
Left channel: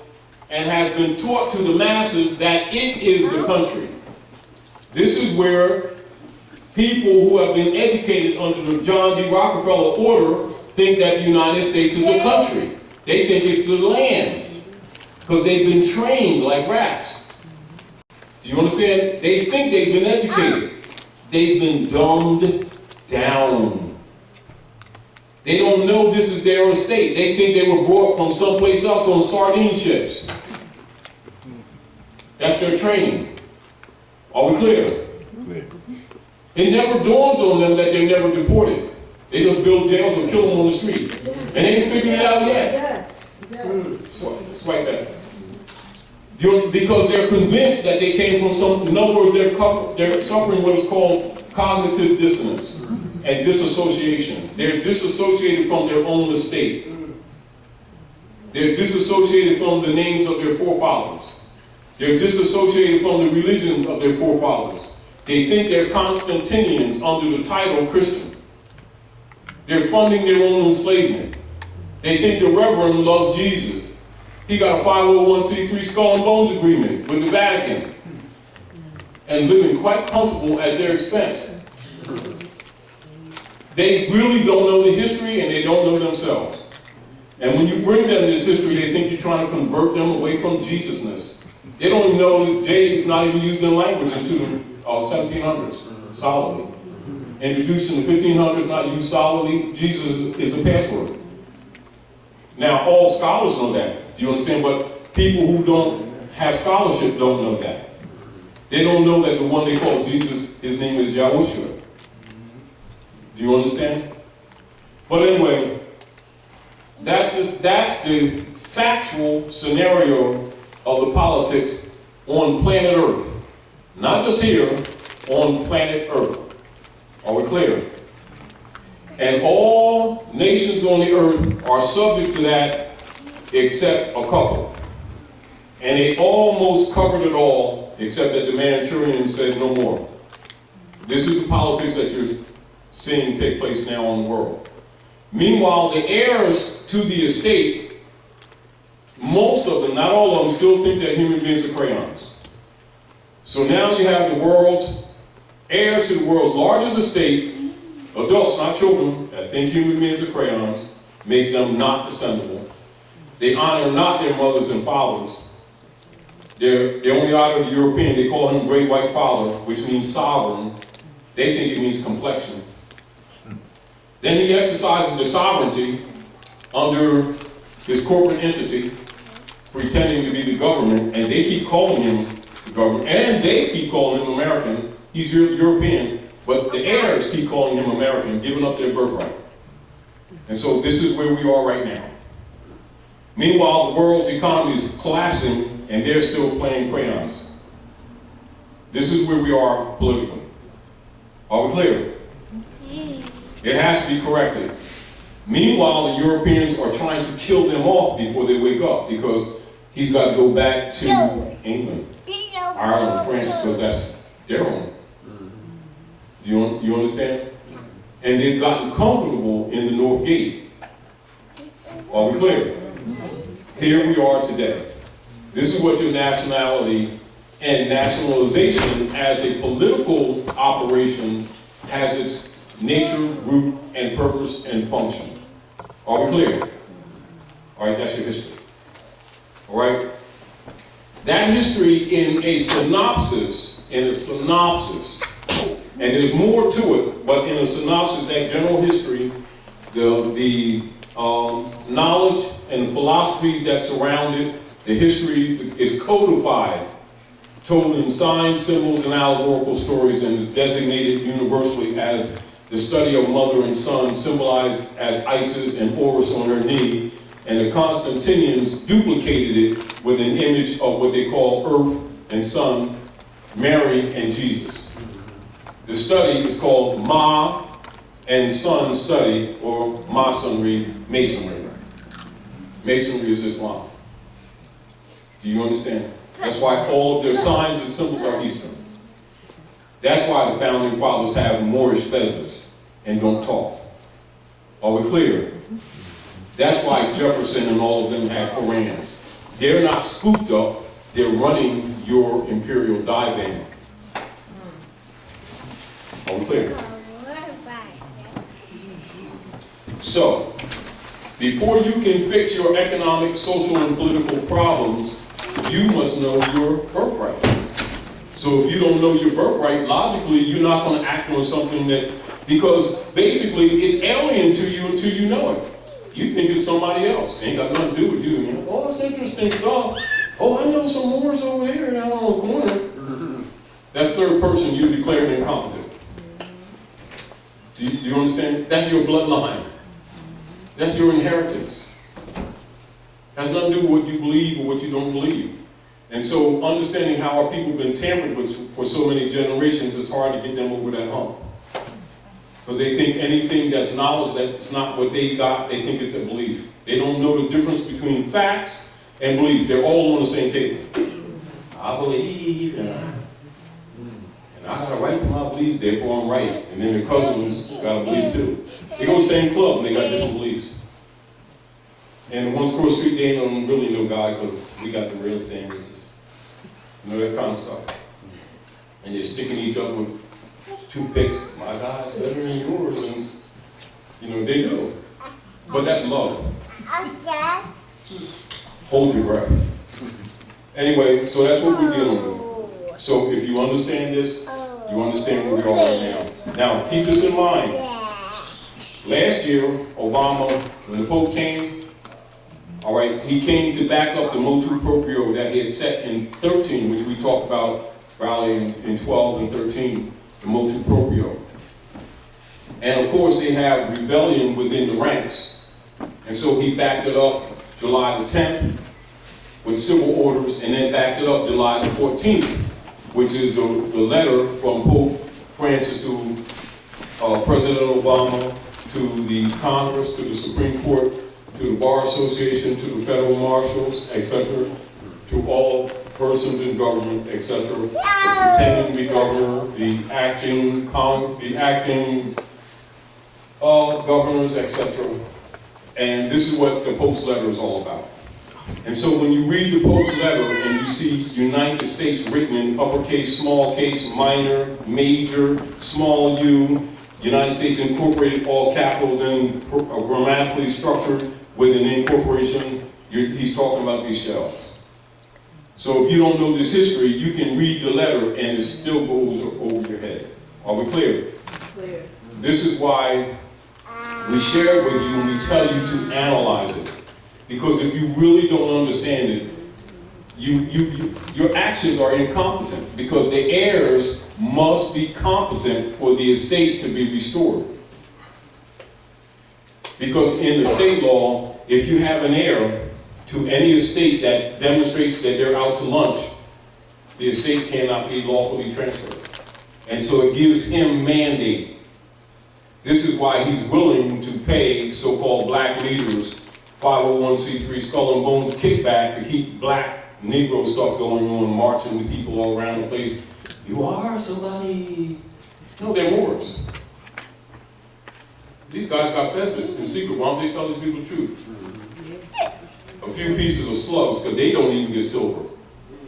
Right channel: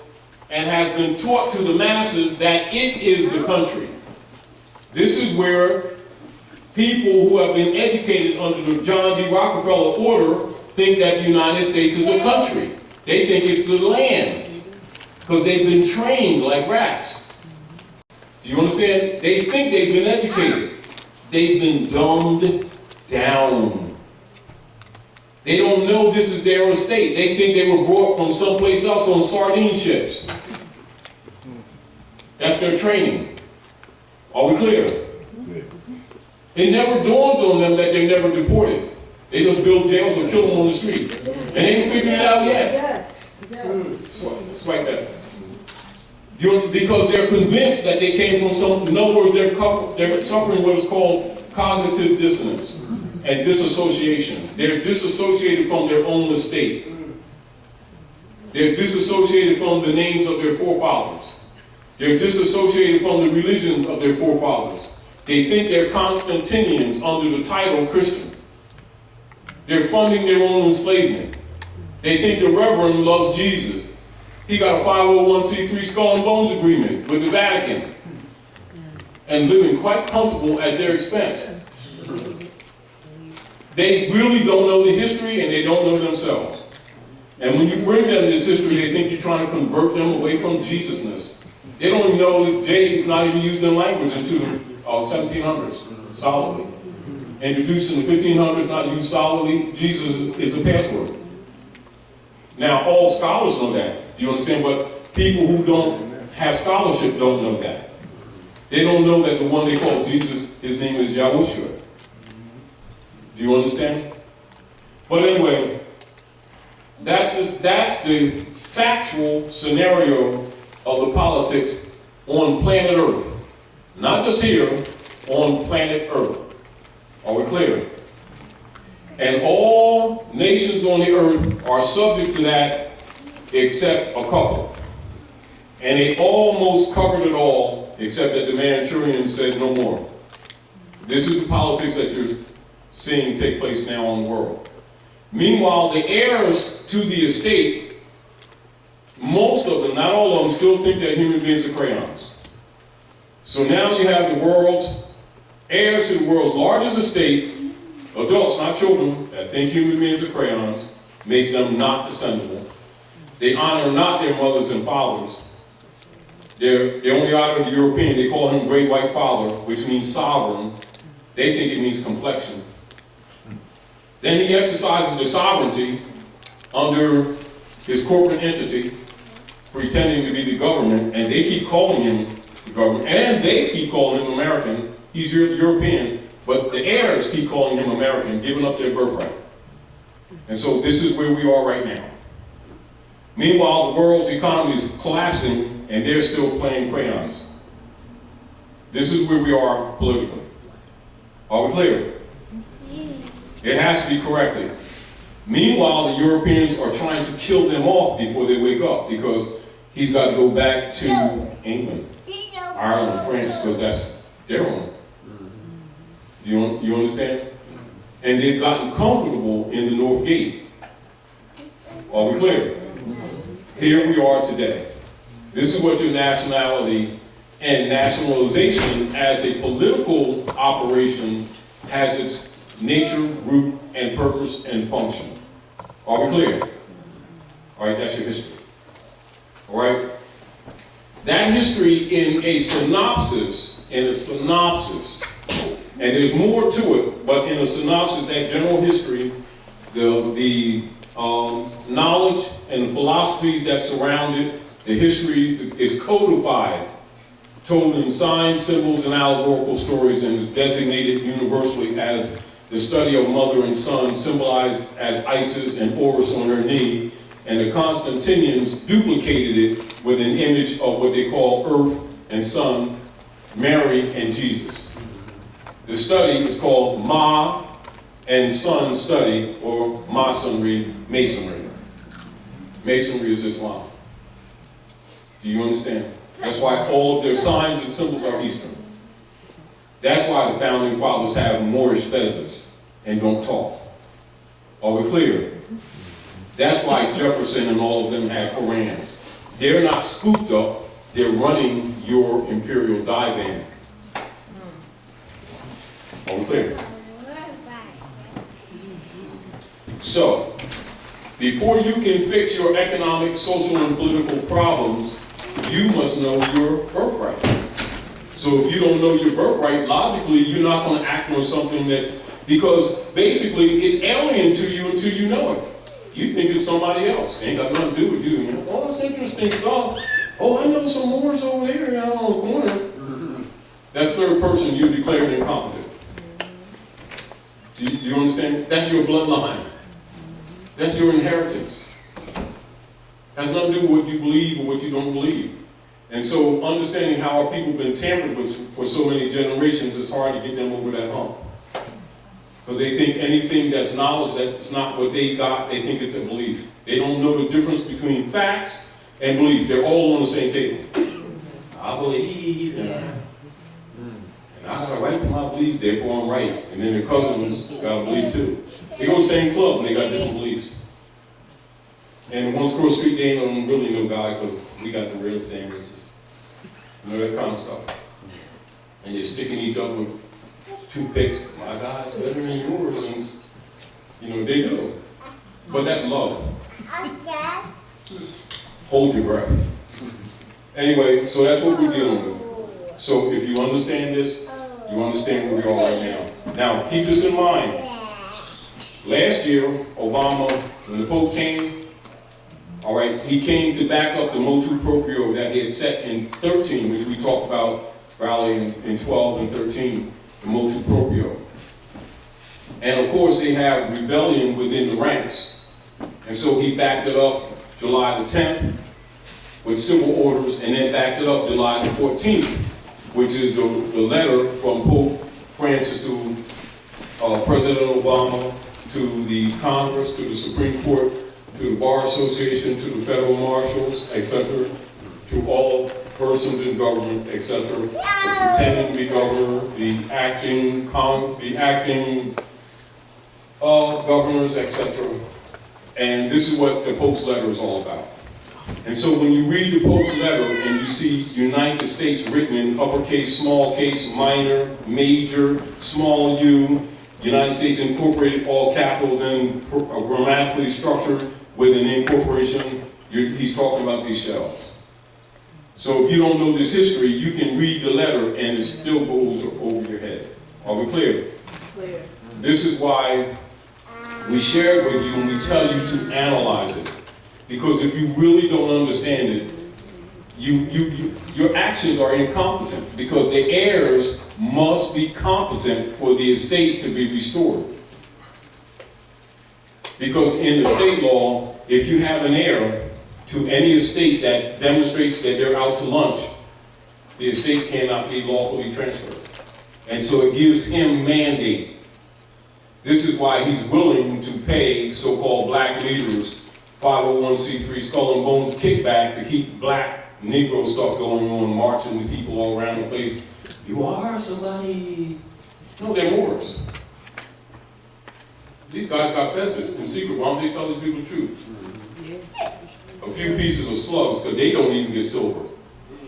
and has been taught to the masses that it is the country. This is where people who have been educated under the John D. Rockefeller order think that the United States is a country. They think it's the land because they've been trained like rats. Do you understand? They think they've been educated. They've been dumbed down. They don't know this is their estate. They think they were brought from someplace else on sardine ships. That's their training. Are we clear? It never dawns on them that they're never deported. They just build jails or kill them on the street. And they ain't figured it out yet. Yes. So it's like that. Because they're convinced that they came from some, in other words, they're suffering what is called cognitive dissonance and disassociation. They're disassociated from their own estate. They're disassociated from the names of their forefathers. They're disassociated from the religions of their forefathers. They think they're Constantinians under the title Christian. They're funding their own enslavement. They think the Reverend loves Jesus. He got a 501c3 skull and bones agreement with the Vatican and living quite comfortable at their expense. They really don't know the history and they don't know themselves. And when you bring them this history, they think you're trying to convert them away from Jesusness. They don't even know that J is not even used in language until the 1700s, solidly. Introduced in the 1500s, not used solidly. Jesus is a password. Now, all scholars know that. Do you understand? But people who don't have scholarship don't know that. They don't know that the one they call Jesus, his name is Yahushua. Do you understand? But anyway, that's the factual scenario of the politics on planet Earth. Not just here, on planet Earth. Are we clear? And all nations on the earth are subject to that except a couple. And they almost covered it all, except that the Manchurians said no more. This is the politics that you're seeing take place now in the world. Meanwhile, the heirs to the estate, most of them, not all of them, still think that human beings are crayons. So now you have the world's heirs to the world's largest estate, adults, not children, that think human beings are crayons, makes them not descendable. They honor not their mothers and fathers. They only honor the European. They call him Great White Father, which means sovereign. They think it means complexion. Then he exercises the sovereignty under his corporate entity, pretending to be the government, and they keep calling him the government, and they keep calling him American. He's European, but the heirs keep calling him American, giving up their birthright. And so this is where we are right now. Meanwhile, the world's economy is collapsing, and they're still playing crayons. This is where we are politically. Are we clear? It has to be corrected. Meanwhile, the Europeans are trying to kill them off before they wake up, because he's got to go back to England, Ireland, France, because that's their own. Do you understand? And they've gotten comfortable in the North Gate. Are we clear? Here we are today. This is what your nationality and nationalization as a political operation has its nature, root, and purpose and function. Are we clear? All right, that's your history. All right? That history in a synopsis, and there's more to it, but in a synopsis, that general history, the knowledge and philosophies that surround it, the history is codified, told in signs, symbols, and allegorical stories, and is designated universally as the study of mother and son, symbolized as Isis and Horus on her knee, and the Constantinians duplicated it with an image of what they call Earth and Sun, Mary and Jesus. The study is called Ma and Sun Study, or Masonry. Masonry is Islam. Do you understand? That's why all of their signs and symbols are Eastern. That's why the founding fathers have Moorish feathers and don't talk. Are we clear? That's why Jefferson and all of them had Korans. They're not scooped up, they're running your imperial divan. Are we clear? So, before you can fix your economic, social, and political problems, you must know your birthright. So if you don't know your birthright, logically, you're not going to act on something that, because basically it's alien to you until you know it. You think it's somebody else. It ain't got nothing to do with you. You know, oh, that's interesting stuff. Oh, I know some Moors over there down on the corner. That's third person, you declared incompetent. Do you understand? That's your bloodline. That's your inheritance. Has nothing to do with what you believe or what you don't believe. And so understanding how our people have been tampered with for so many generations, it's hard to get them over that hump. Because they think anything that's knowledge that's not what they got, they think it's a belief. They don't know the difference between facts and belief. They're all on the same table. I believe, and I got a right to my beliefs, therefore I'm right. And then their cousins got a belief too. They go to the same club and they got different beliefs. And the ones across the street, they don't really know God because we got the real sandwiches. You know, that kind of stuff. And they're sticking each other with toothpicks. My God's better than yours. And, you know, they do. But that's love. Hold your breath. Anyway, so that's what we're dealing with. So if you understand this, you understand where we are right now. Now, keep this in mind. Last year, Obama, when the Pope came, all right, he came to back up the motu proprio that he had set in 13, which we talked about probably in 12 and 13, the motu proprio. And of course, they have rebellion within the ranks. And so he backed it up July the 10th with civil orders, and then backed it up July the 14th, which is the letter from Pope Francis to President Obama, to the Congress, to the Supreme Court, to the Bar Association, to the federal marshals, etc., to all persons in government, etc., the pretending to be governor, the acting governors, etc. And this is what the Pope's letter is all about. And so when you read the Pope's letter and you see United States written in uppercase, small case, minor, major, small u, United States Incorporated, all capitals, and grammatically structured with an incorporation, he's talking about these shells. So if you don't know this history, you can read the letter and it still goes over your head. Are we clear? Clear. This is why we share it with you and we tell you to analyze it. Because if you really don't understand it, your actions are incompetent, because the heirs must be competent for the estate to be restored. Because in the state law, if you have an heir to any estate that demonstrates that they're out to lunch, the estate cannot be lawfully transferred. And so it gives him mandate. This is why he's willing to pay so-called black leaders 501c3 skull and bones kickback to keep black Negro stuff going on, marching with people all around the place. You are somebody. No, they're Moors. These guys got fezzes in secret. Why don't they tell these people the truth? A few pieces of slugs, because they don't even get silver.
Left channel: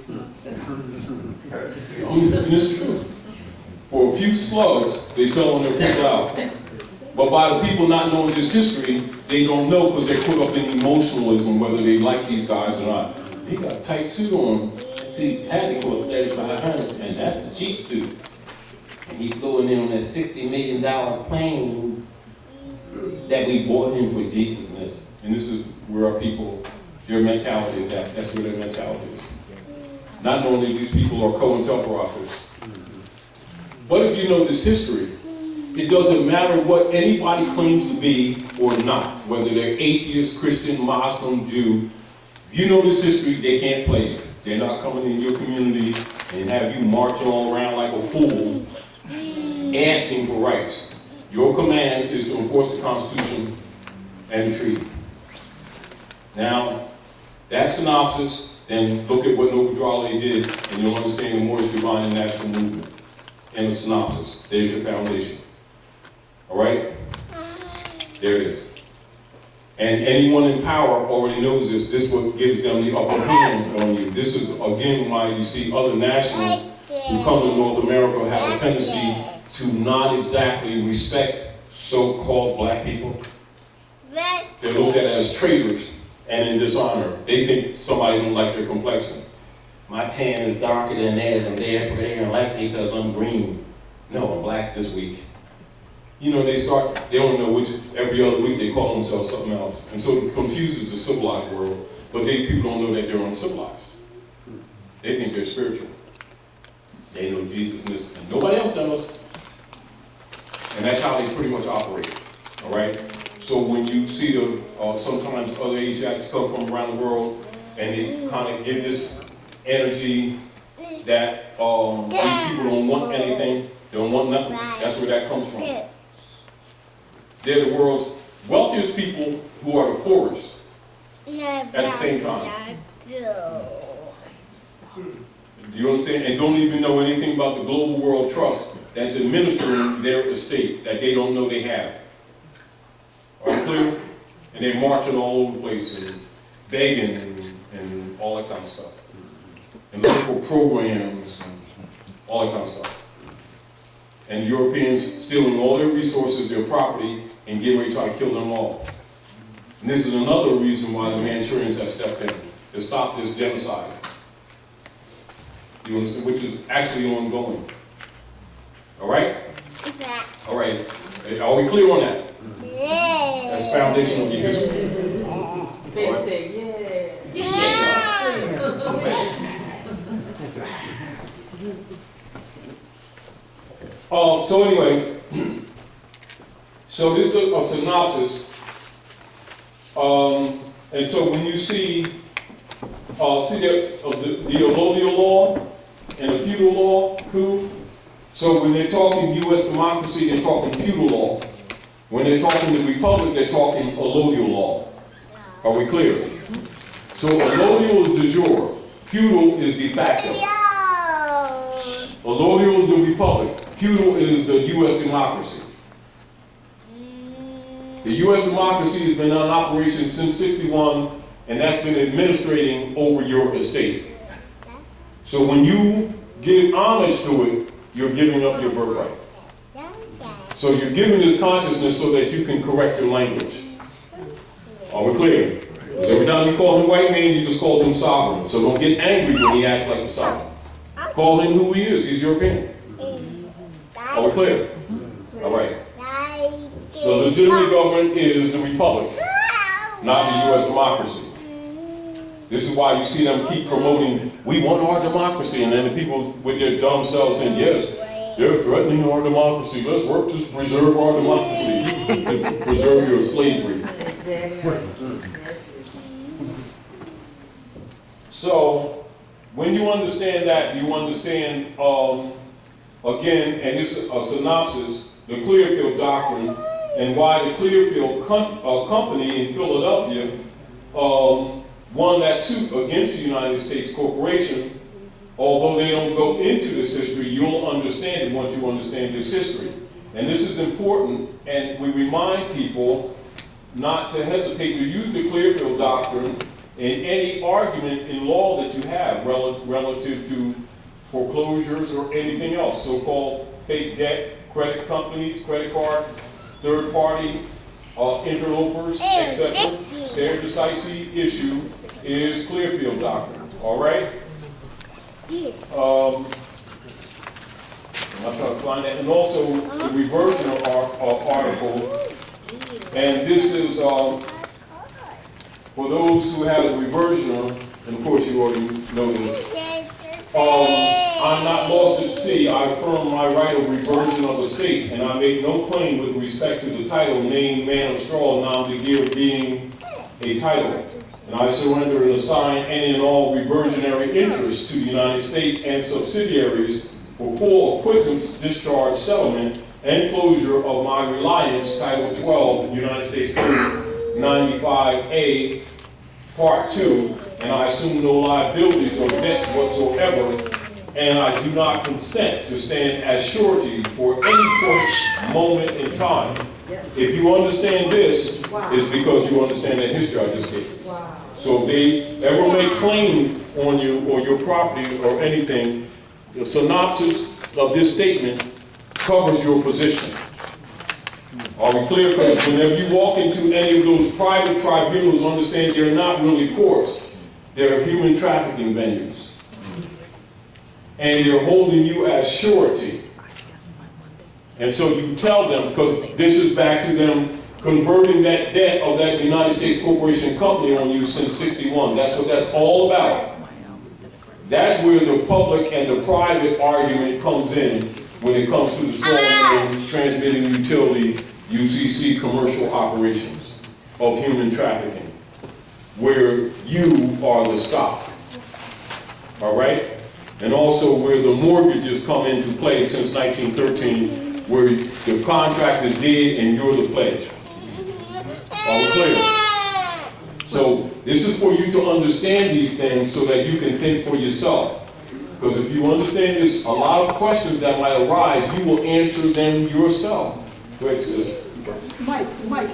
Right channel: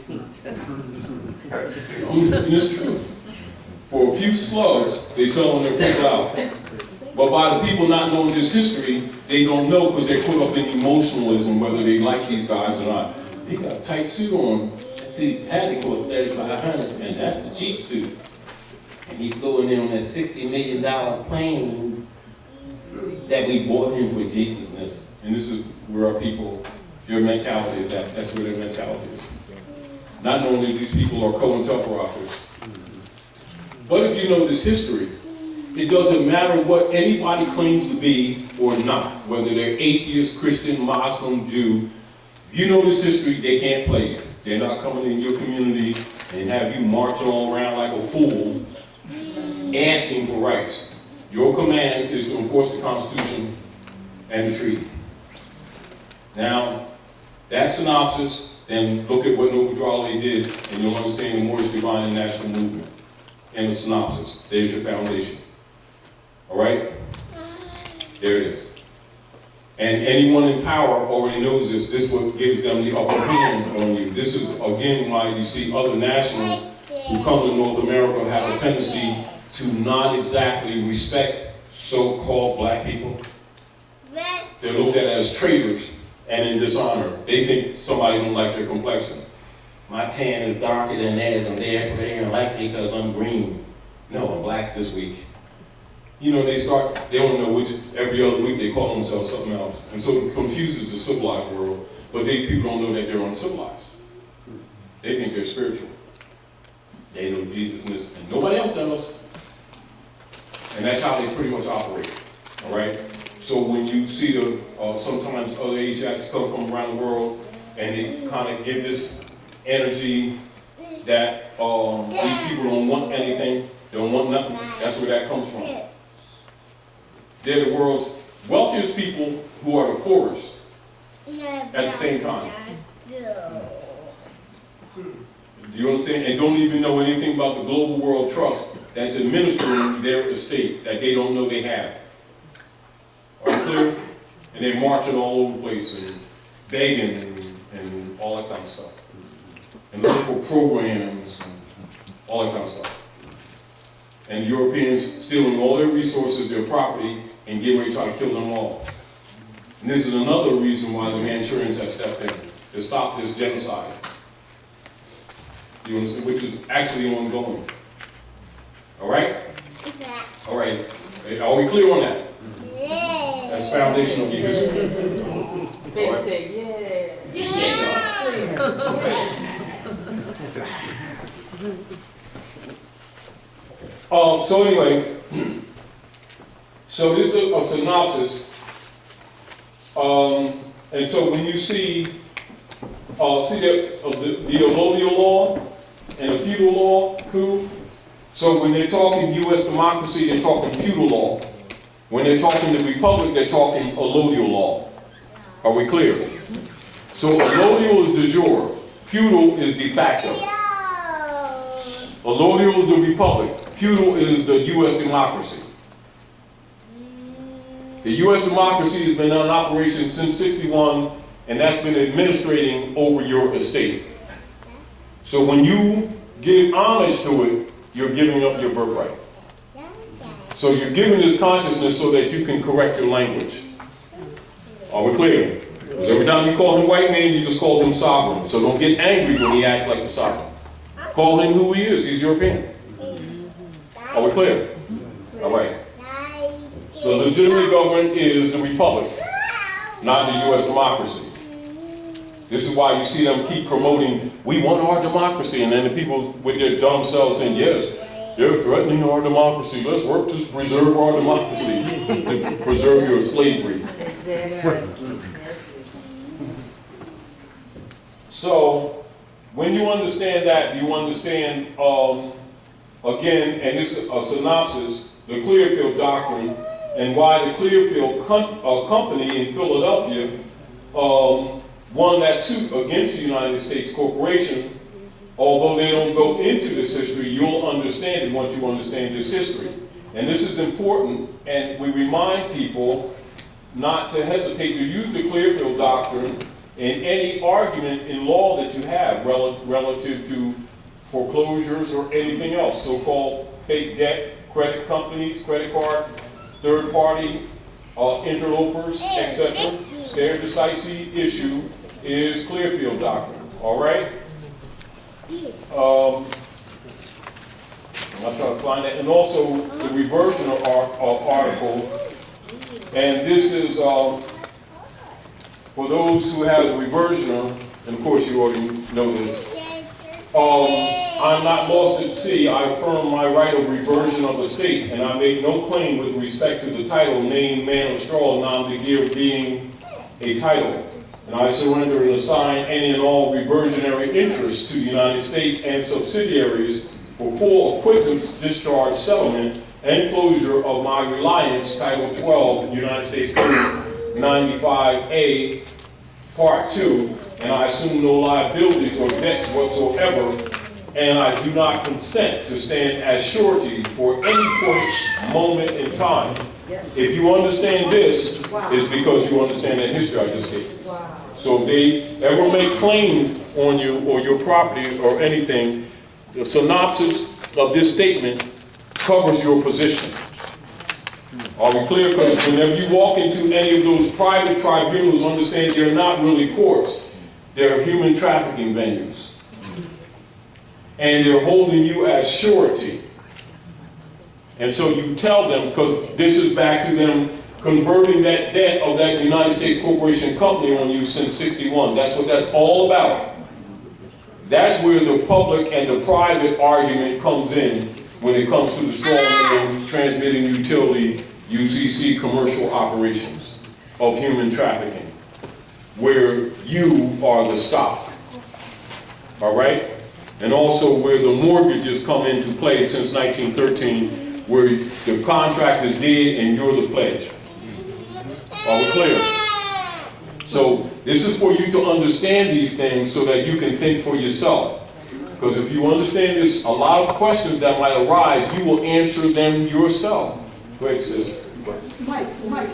It's true. For a few slugs, they sell on their Feudal. But by the people not knowing this history, they don't know because they're caught up in emotionalism, whether they like these guys or not. He got a tight suit on. See, had to cost $3,500, and that's the cheap suit. And he flew in there on that $60 million plane that we bought him for Jesusness. And this is where our people, their mentality is at. That's where their mentality is. Not knowing that these people are COINTELPROs. But if you know this history, it doesn't matter what anybody claims to be or not, whether they're atheist, Christian, Muslim, Jew. If you know this history, they can't play it. They're not coming in your community and have you marching all around like a fool, asking for rights. Your command is to enforce the Constitution and the treaty. Now, that synopsis, then look at what Noble Drawley did, and you'll understand the Moorish Divine and National Movement. And a synopsis. There's your foundation. All right? There it is. And anyone in power already knows this. This is what gives them the upper hand on you. This is, again, why you see other nationals who come to North America have a tendency to not exactly respect so-called black people. They're looked at as traitors and in dishonor. They think somebody don't like their complexion. My tan is darker than theirs, and they don't like me because I'm green. No, I'm black this week. You know, they don't know which, every other week they call themselves something else. And so it confuses the civilized world, but people don't know that they're uncivilized. They think they're spiritual. They know Jesus and nobody else does. And that's how they pretty much operate, all right? So when you see sometimes other Asiatics come from around the world and they kind of give this energy that these people don't want anything, they don't want nothing, that's where that comes from. They're the world's wealthiest people who are the poorest at the same time. Do you understand? And don't even know anything about the Global World Trust that's administering their estate that they don't know they have. Are you clear? And they're marching all over the place and begging and all that kind of stuff. And looking for programs and all that kind of stuff. And the Europeans stealing all their resources, their property, and getting ready to try to kill them all. And this is another reason why the Manchurians have stepped in, to stop this genocide. You understand? Which is actually ongoing. All right? All right. Are we clear on that? Yeah. That's foundational of your history. Baby All right. said, yeah. So anyway, so this is a synopsis. And so when you see the allodial law and the feudal law, coup. So when they're talking U.S. democracy, they're talking feudal law. When they're talking the republic, they're talking allodial law. Are we clear? So allodial is de jure. Feudal is de facto. Allodial is the republic. Feudal is the U.S. democracy. The U.S. democracy has been in operation since '61, and that's been administrating over your estate. So when you give homage to it, you're giving up your birthright. So you're giving this consciousness so that you can correct your language. Are we clear? Because every time you call him white man, you just called him sovereign. So don't get angry when he acts like a sovereign. Call him who he is. He's European. Are we clear? All right. The legitimate government is the republic, not the U.S. democracy. This is why you see them keep promoting, we want our democracy, and then the people with their dumb selves saying, yes, they're threatening our democracy. Let's work to preserve our democracy, to preserve your slavery. So, when you understand that, you understand, again, and this is a synopsis, the Clearfield Doctrine, and why the Clearfield Company in Philadelphia won that suit against the United States Corporation. Although they don't go into this history, you'll understand it once you understand this history. And this is important, and we remind people not to hesitate to use the Clearfield Doctrine in any argument in law that you have relative to foreclosures or anything else, so-called fake debt, credit companies, credit card, third party, interlopers, etc. Stare decisis issue is Clearfield Doctrine, all right? I'm trying to find that. And also the reversion of article, and this is for those who have a reversioner, and of course you already know this, I'm not lost at sea. I affirm my right of reversion of the state, and I make no claim with respect to the title, name, man of straw, nom de guerre being a title. And I surrender and assign any and all reversionary interests to the United States and subsidiaries for full acquittance, discharge, settlement, and closure of my reliance, Title 12, United States Code 95A, Part 2, and I assume no liabilities or debts whatsoever, and I do not consent to stand as surety for any point, moment in time. If you understand this, it's because you understand that history I just gave. So if they ever make claim on you or your property or anything, the synopsis of this statement covers your position. Are we clear? Because whenever you walk into any of those private tribunals, understand they're not really courts. They're human trafficking venues. And they're holding you as surety. And so you tell them, because this is back to them converting that debt of that United States corporation company on you since '61. That's what that's all about. That's where the public and the private argument comes in when it comes to the strong man transmitting utility UCC commercial operations of human trafficking, where you are the stock. All right? And also where the mortgages come into play since 1913, where the contract is dead and you're the pledge. Are we clear? So this is for you to understand these things so that you can think for yourself. Because if you understand this, a lot of questions that might arise, you will answer them yourself. Go ahead, sis. Mike. Yeah.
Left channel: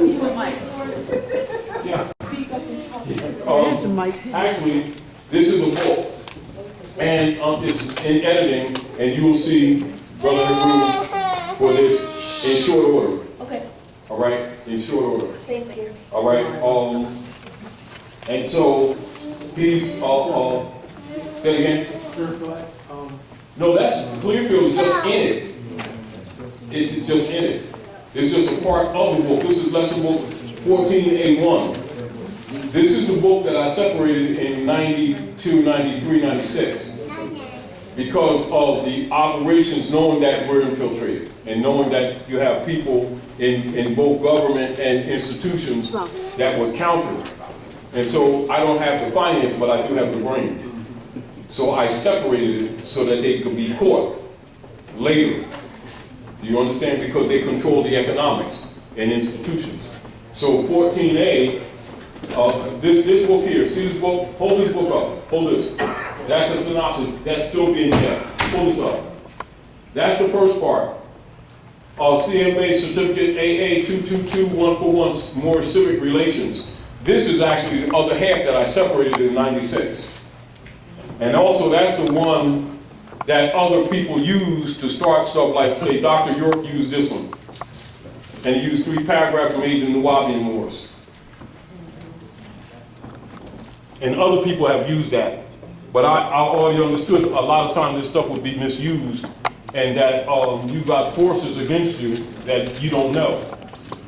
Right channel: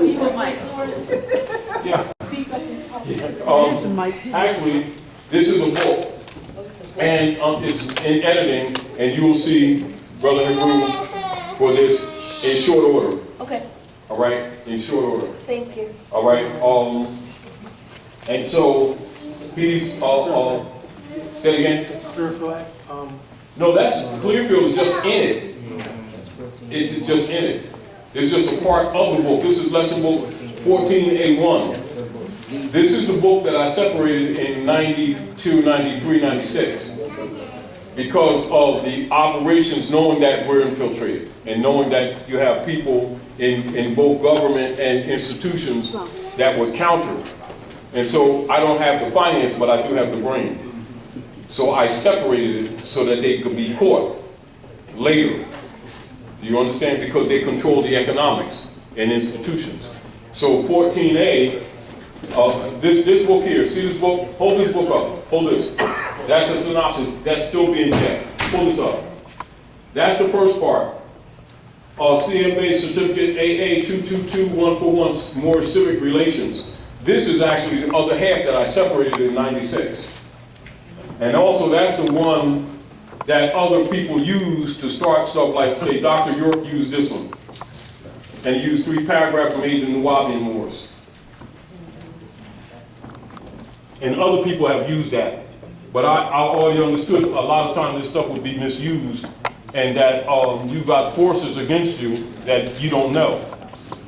You and Mike. Yeah. Speak up and talk. Actually, this is a book, and it's in editing, and you will see Brother Hebrew for this in short order. Okay, All right, in short order. thank you. All right. And so he's say it again. Clearfield, No, that's Clearfield is just in it. It's just in it. It's just a part of the book. This is lesson book 14A1. This is the book that I separated in 92, 93, 96. Because of the operations, knowing that we're infiltrated, and knowing that you have people in both government and institutions that would counter. And so I don't have the finance, but I do have the brain. So I separated it so that they could be caught later. Do you understand? Because they control the economics and institutions. So 14A, this book here, see this book? Hold this book up. Hold this. That's a synopsis. That's still being kept. Pull this up. That's the first part. CMA Certificate AA 222141, Moorish Civic Relations. This is actually the other half that I separated in 96. And also that's the one that other people use to start stuff like, say, Dr. York used this one. And he used 3 paragraphs from Agent Nuwabi and Moors. And other people have used that. But I already understood a lot of times this stuff would be misused and that you got forces against you that you don't know.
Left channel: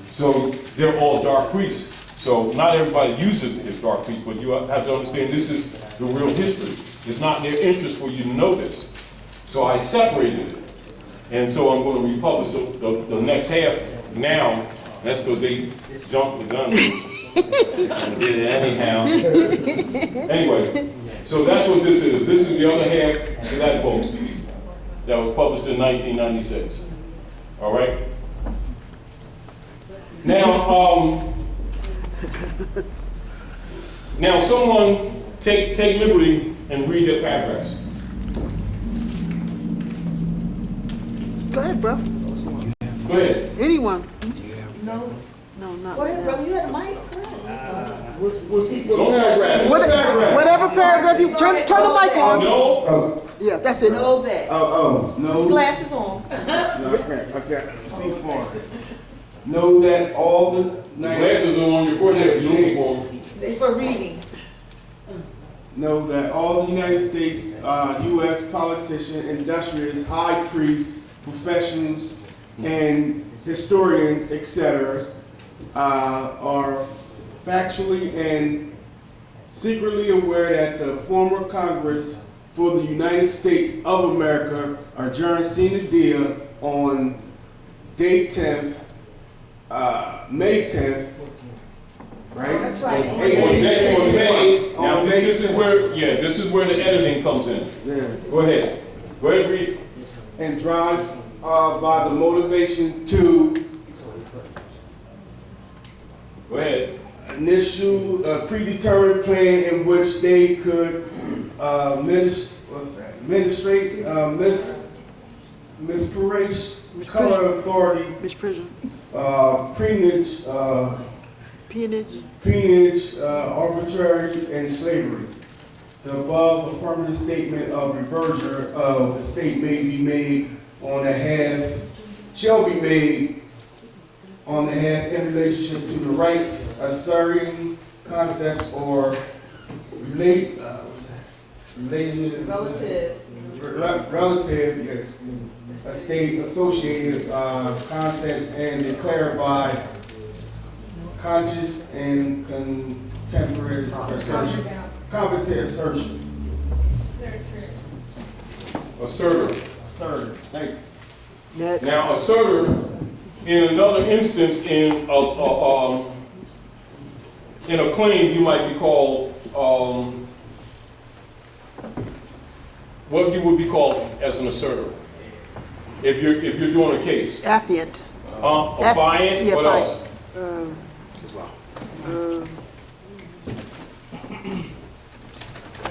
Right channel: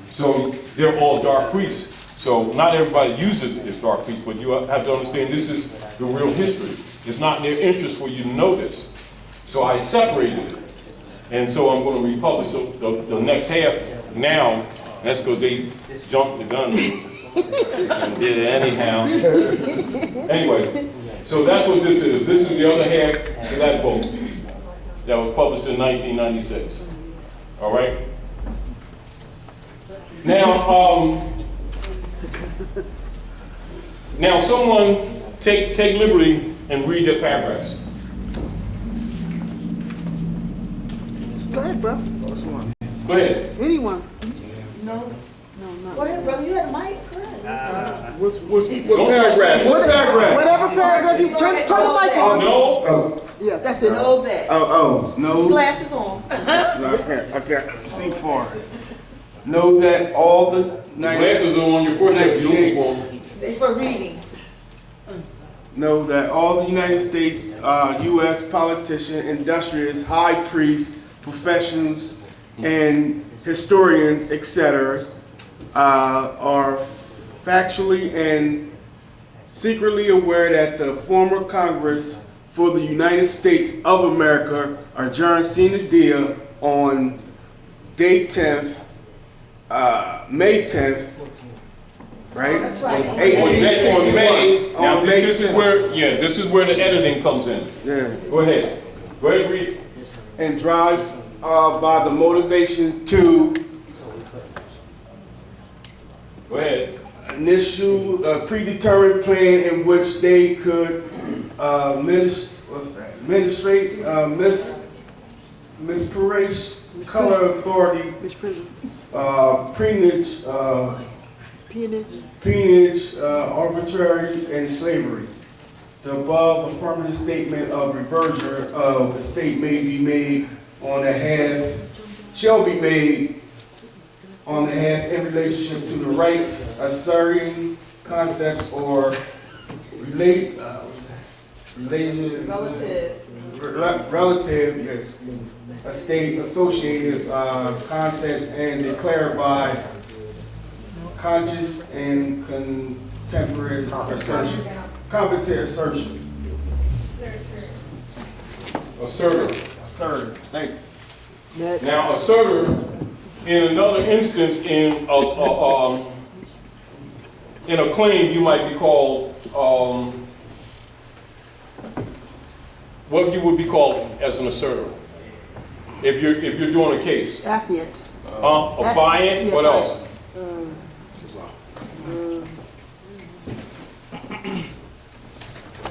So they're all dark priests. So not everybody uses it as dark priests, but you have to understand this is the real history. It's not in their interest for you to know this. So I separated it. And so I'm going to republish the next half now. That's because they jumped the gun and did it anyhow. Anyway, so that's what this is. This is the other half of that book that was published in 1996. All right? Now someone take liberty and read their paragraphs. Go ahead, bro. Go ahead. Anyone. No, No, go ahead, brother, you had a mic, go ahead. Don't start rapping. Whatever paragraph you turn the mic on. No. Yeah, that's it. Know that. His His glasses on. Okay. C4. Know that all the Glasses are on your forehead. You're looking for them. They for reading. Know that all the United States, U.S. politicians, industrialists, high priests, professionals, and historians, etc., are factually and secretly aware that the former Congress for the United States of America adjourned sine die on day 10th, May 10th, right? That's right. On May. Now this is where the editing comes in. Yeah. Go ahead. Go ahead, read. And drive by the motivations to Go ahead. initial predetermined plan in which they could administrate misprivilege, color authority, Misprision, peonage, arbitrary, and slavery. The above affirmative statement of reversion of the state may be made on the half, shall be made on the half in relationship to the rights, asserting concepts or related, relative, yes, a state associated context and declared by conscious and contemporary assertion, competent assertion. Assertor. Assertive. Thank you. next, Now, assertor, in another instance, in a claim, you might be called, what you would be called as an assertor, if you're doing a case. affiant, Affiant, yeah, what fine. else?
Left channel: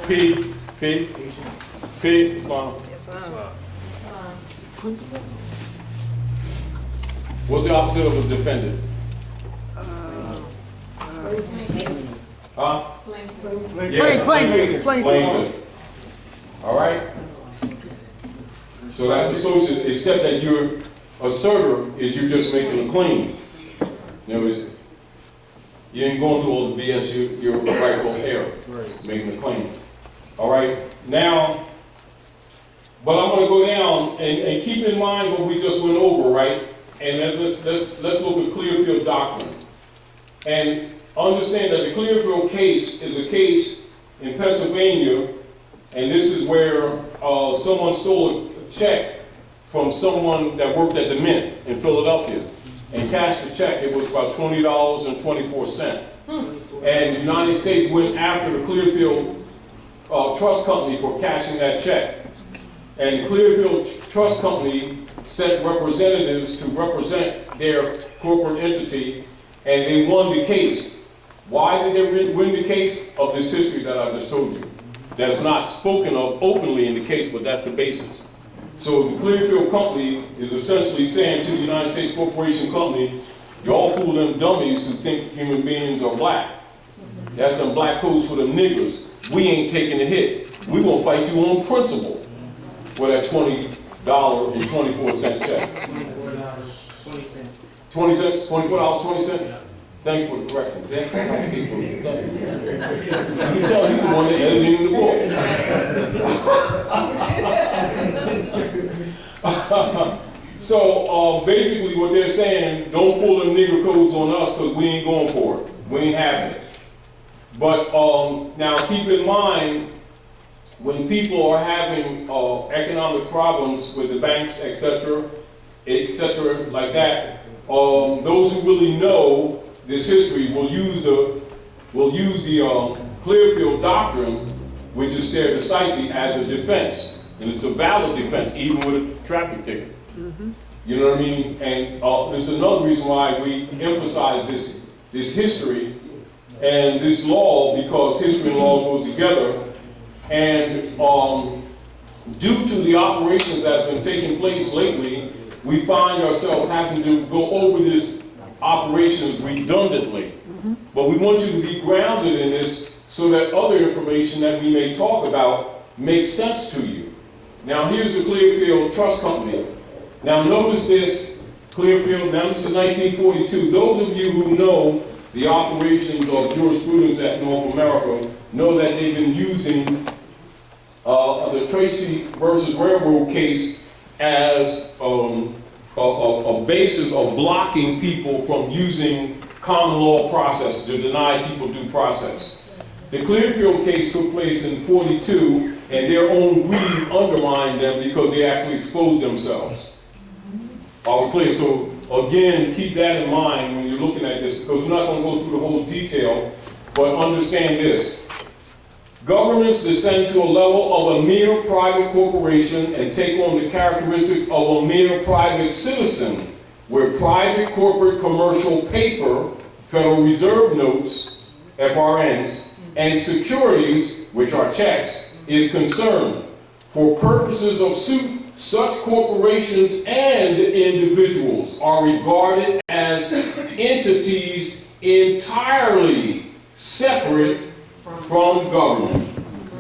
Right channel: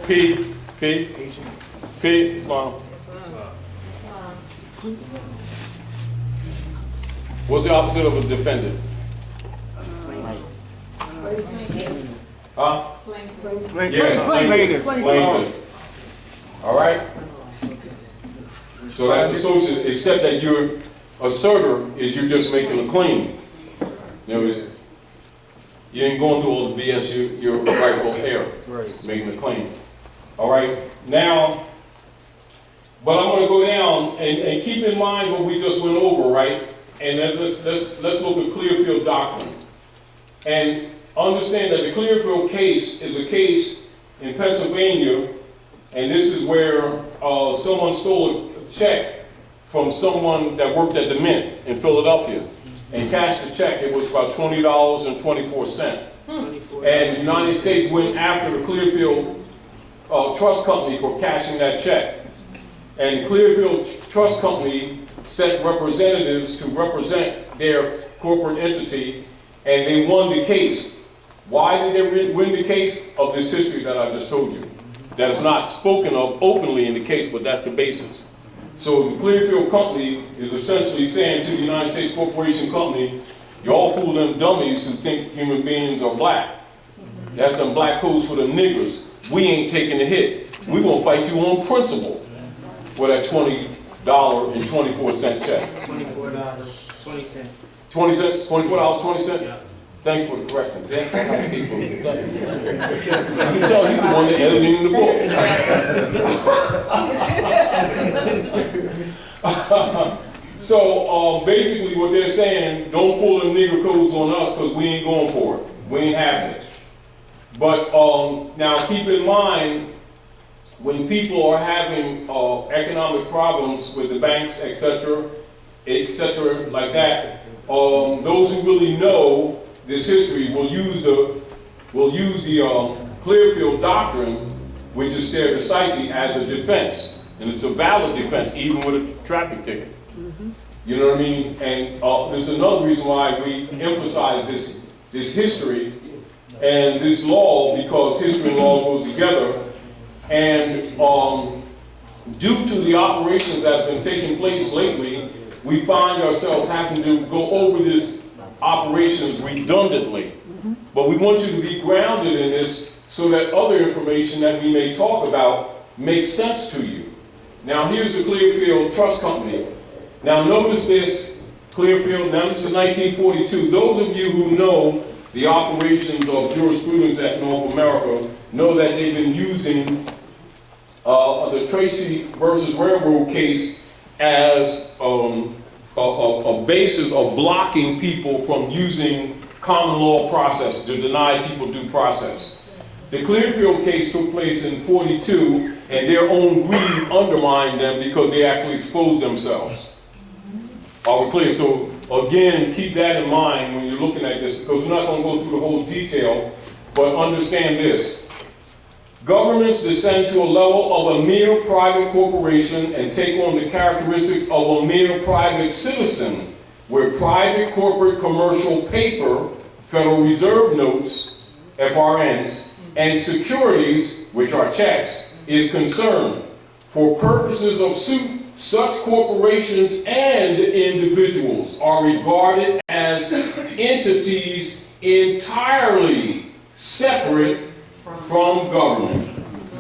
P, Islam. principal, What's the opposite of a defendant? Huh? Yes, plaintiff. Plaintiff. All right? So that's associated, except that your assertor is you're just making a claim. In other words, you ain't going through all the BS, you're rightful heir, making a claim. All right? Now, but I'm going to go down and keep in mind what we just went over, right? And then let's look at Clearfield doctrine. And understand that the Clearfield case is a case in Pennsylvania, and this is where someone stole a check from someone that worked at the Mint in Philadelphia and cashed the check. It was about $20.24. And the United States went after the Clearfield Trust Company for cashing that check. And the Clearfield Trust Company sent representatives to represent their corporate entity, and they won the case. Why did they win the case? Of this history that I just told you. That is not spoken of openly in the case, but that's the basis. So the Clearfield Company is essentially saying to the United States Corporation Company, y'all fool them dummies who think human beings are black. That's them black codes for them niggers. We ain't taking the hit. We gonna fight you on principle for that $20.24 check. $24.20. 20 cents, $24.20? Thank you for the correction. You can tell he's the one that edited the book. So basically what they're saying, don't pull them nigger codes on us because we ain't going for it. We ain't having it. But now keep in mind, when people are having economic problems with the banks, et cetera, like that, those who really know this history will use the Clearfield doctrine, which is stare decisis, as a defense, and it's a valid defense, even with a traffic ticket. You know what I mean? And there's another reason why we emphasize this history and this law, because history and law goes together. And due to the operations that have been taking place lately, we find ourselves having to go over this operations redundantly. But we want you to be grounded in this so that other information that we may talk about makes sense to you. Now here's the Clearfield Trust Company. Now notice this, Clearfield, now this is 1942. Those of you who know the operations of jurisprudence at North America know that they've been using the Tracy versus Railroad case as a basis of blocking people from using common law process to deny people due process. The Clearfield case took place in 42, and their own greed undermined them because they actually exposed themselves. Are we clear? So again, keep that in mind when you're looking at this, because we're not going to go through the whole detail, but understand this. Governments descend to a level of a mere private corporation and take on the characteristics of a mere private citizen, where private corporate commercial paper, Federal Reserve notes, FRNs, and securities, which are checks, is concerned. For purposes of suit, such corporations and individuals are regarded as entities entirely separate from government.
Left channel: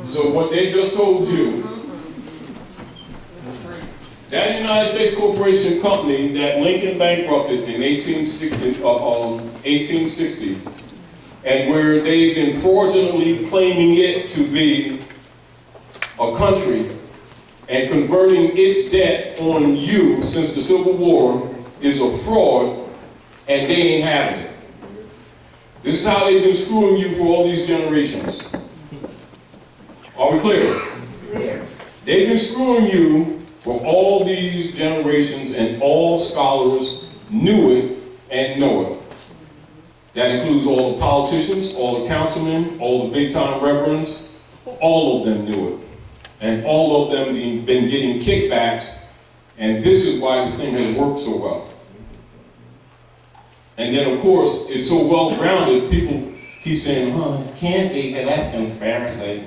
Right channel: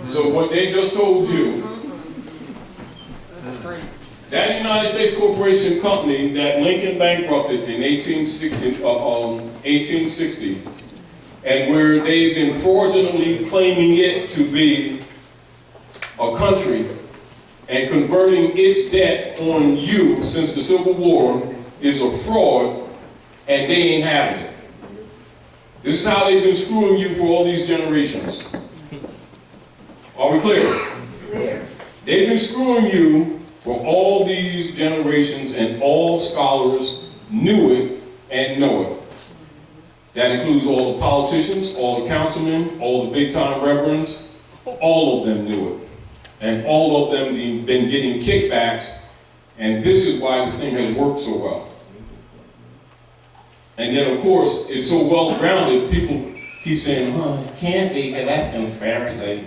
So what they just told you, that United States Corporation Company that Lincoln bankrupted in 1860, and where they've been fraudulently claiming it to be a country and converting its debt on you since the Civil War, is a fraud, and they ain't having it. This is how they've been screwing you for all these generations. Are we clear? They've been screwing you for all these generations, and all scholars knew it and know it. That includes all the politicians, all the councilmen, all the big-time reverends. All of them knew it. And all of them been getting kickbacks, and this is why this thing has worked so well. And then, of course, it's so well-grounded, people keep saying, oh, this can't be, because that's conspiracy.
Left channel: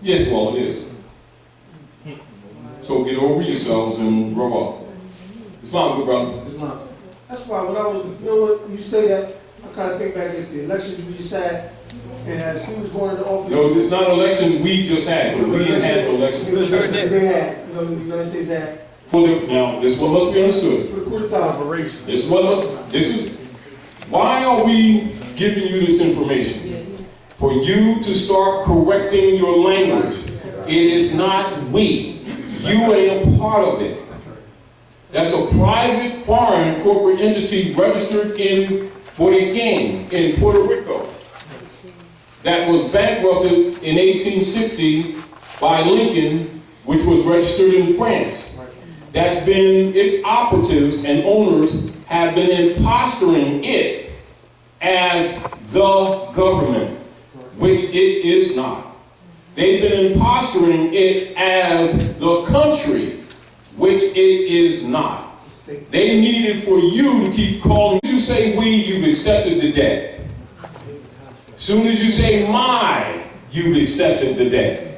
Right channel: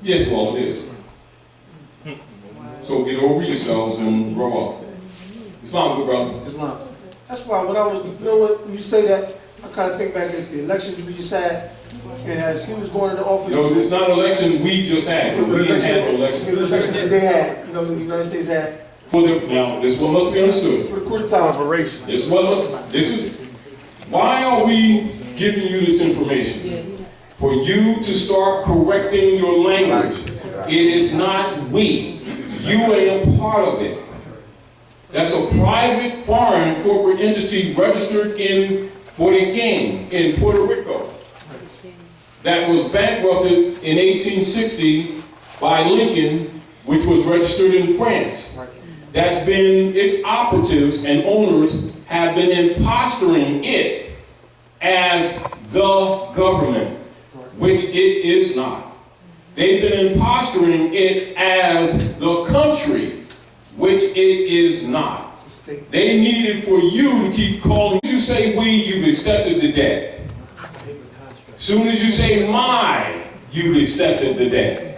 Yes, well, it is. So get over yourselves and grow up. Islam, good brother. Islam. That's why when I was, you know what, when you say that, I kind of think back at the election we just had, and as he was going into office. No, it's not an election we just had. We didn't have an election. The election that they had, you know, the United States had. Now, this is what must be understood. For the coup d'etat operation. This is, why are we giving you this information? For you to start correcting your language. It is not we. You ain't a part of it. That's a private foreign corporate entity registered in Regency in Puerto Rico that was bankrupted in 1860 by Lincoln, which was registered in France. That's been, its operatives and owners have been impostoring it as the government, which it is not. They've been impostoring it as the country, which it is not. They needed for you to keep calling. You say we, you've accepted the debt. Soon as you say my, you've accepted the debt.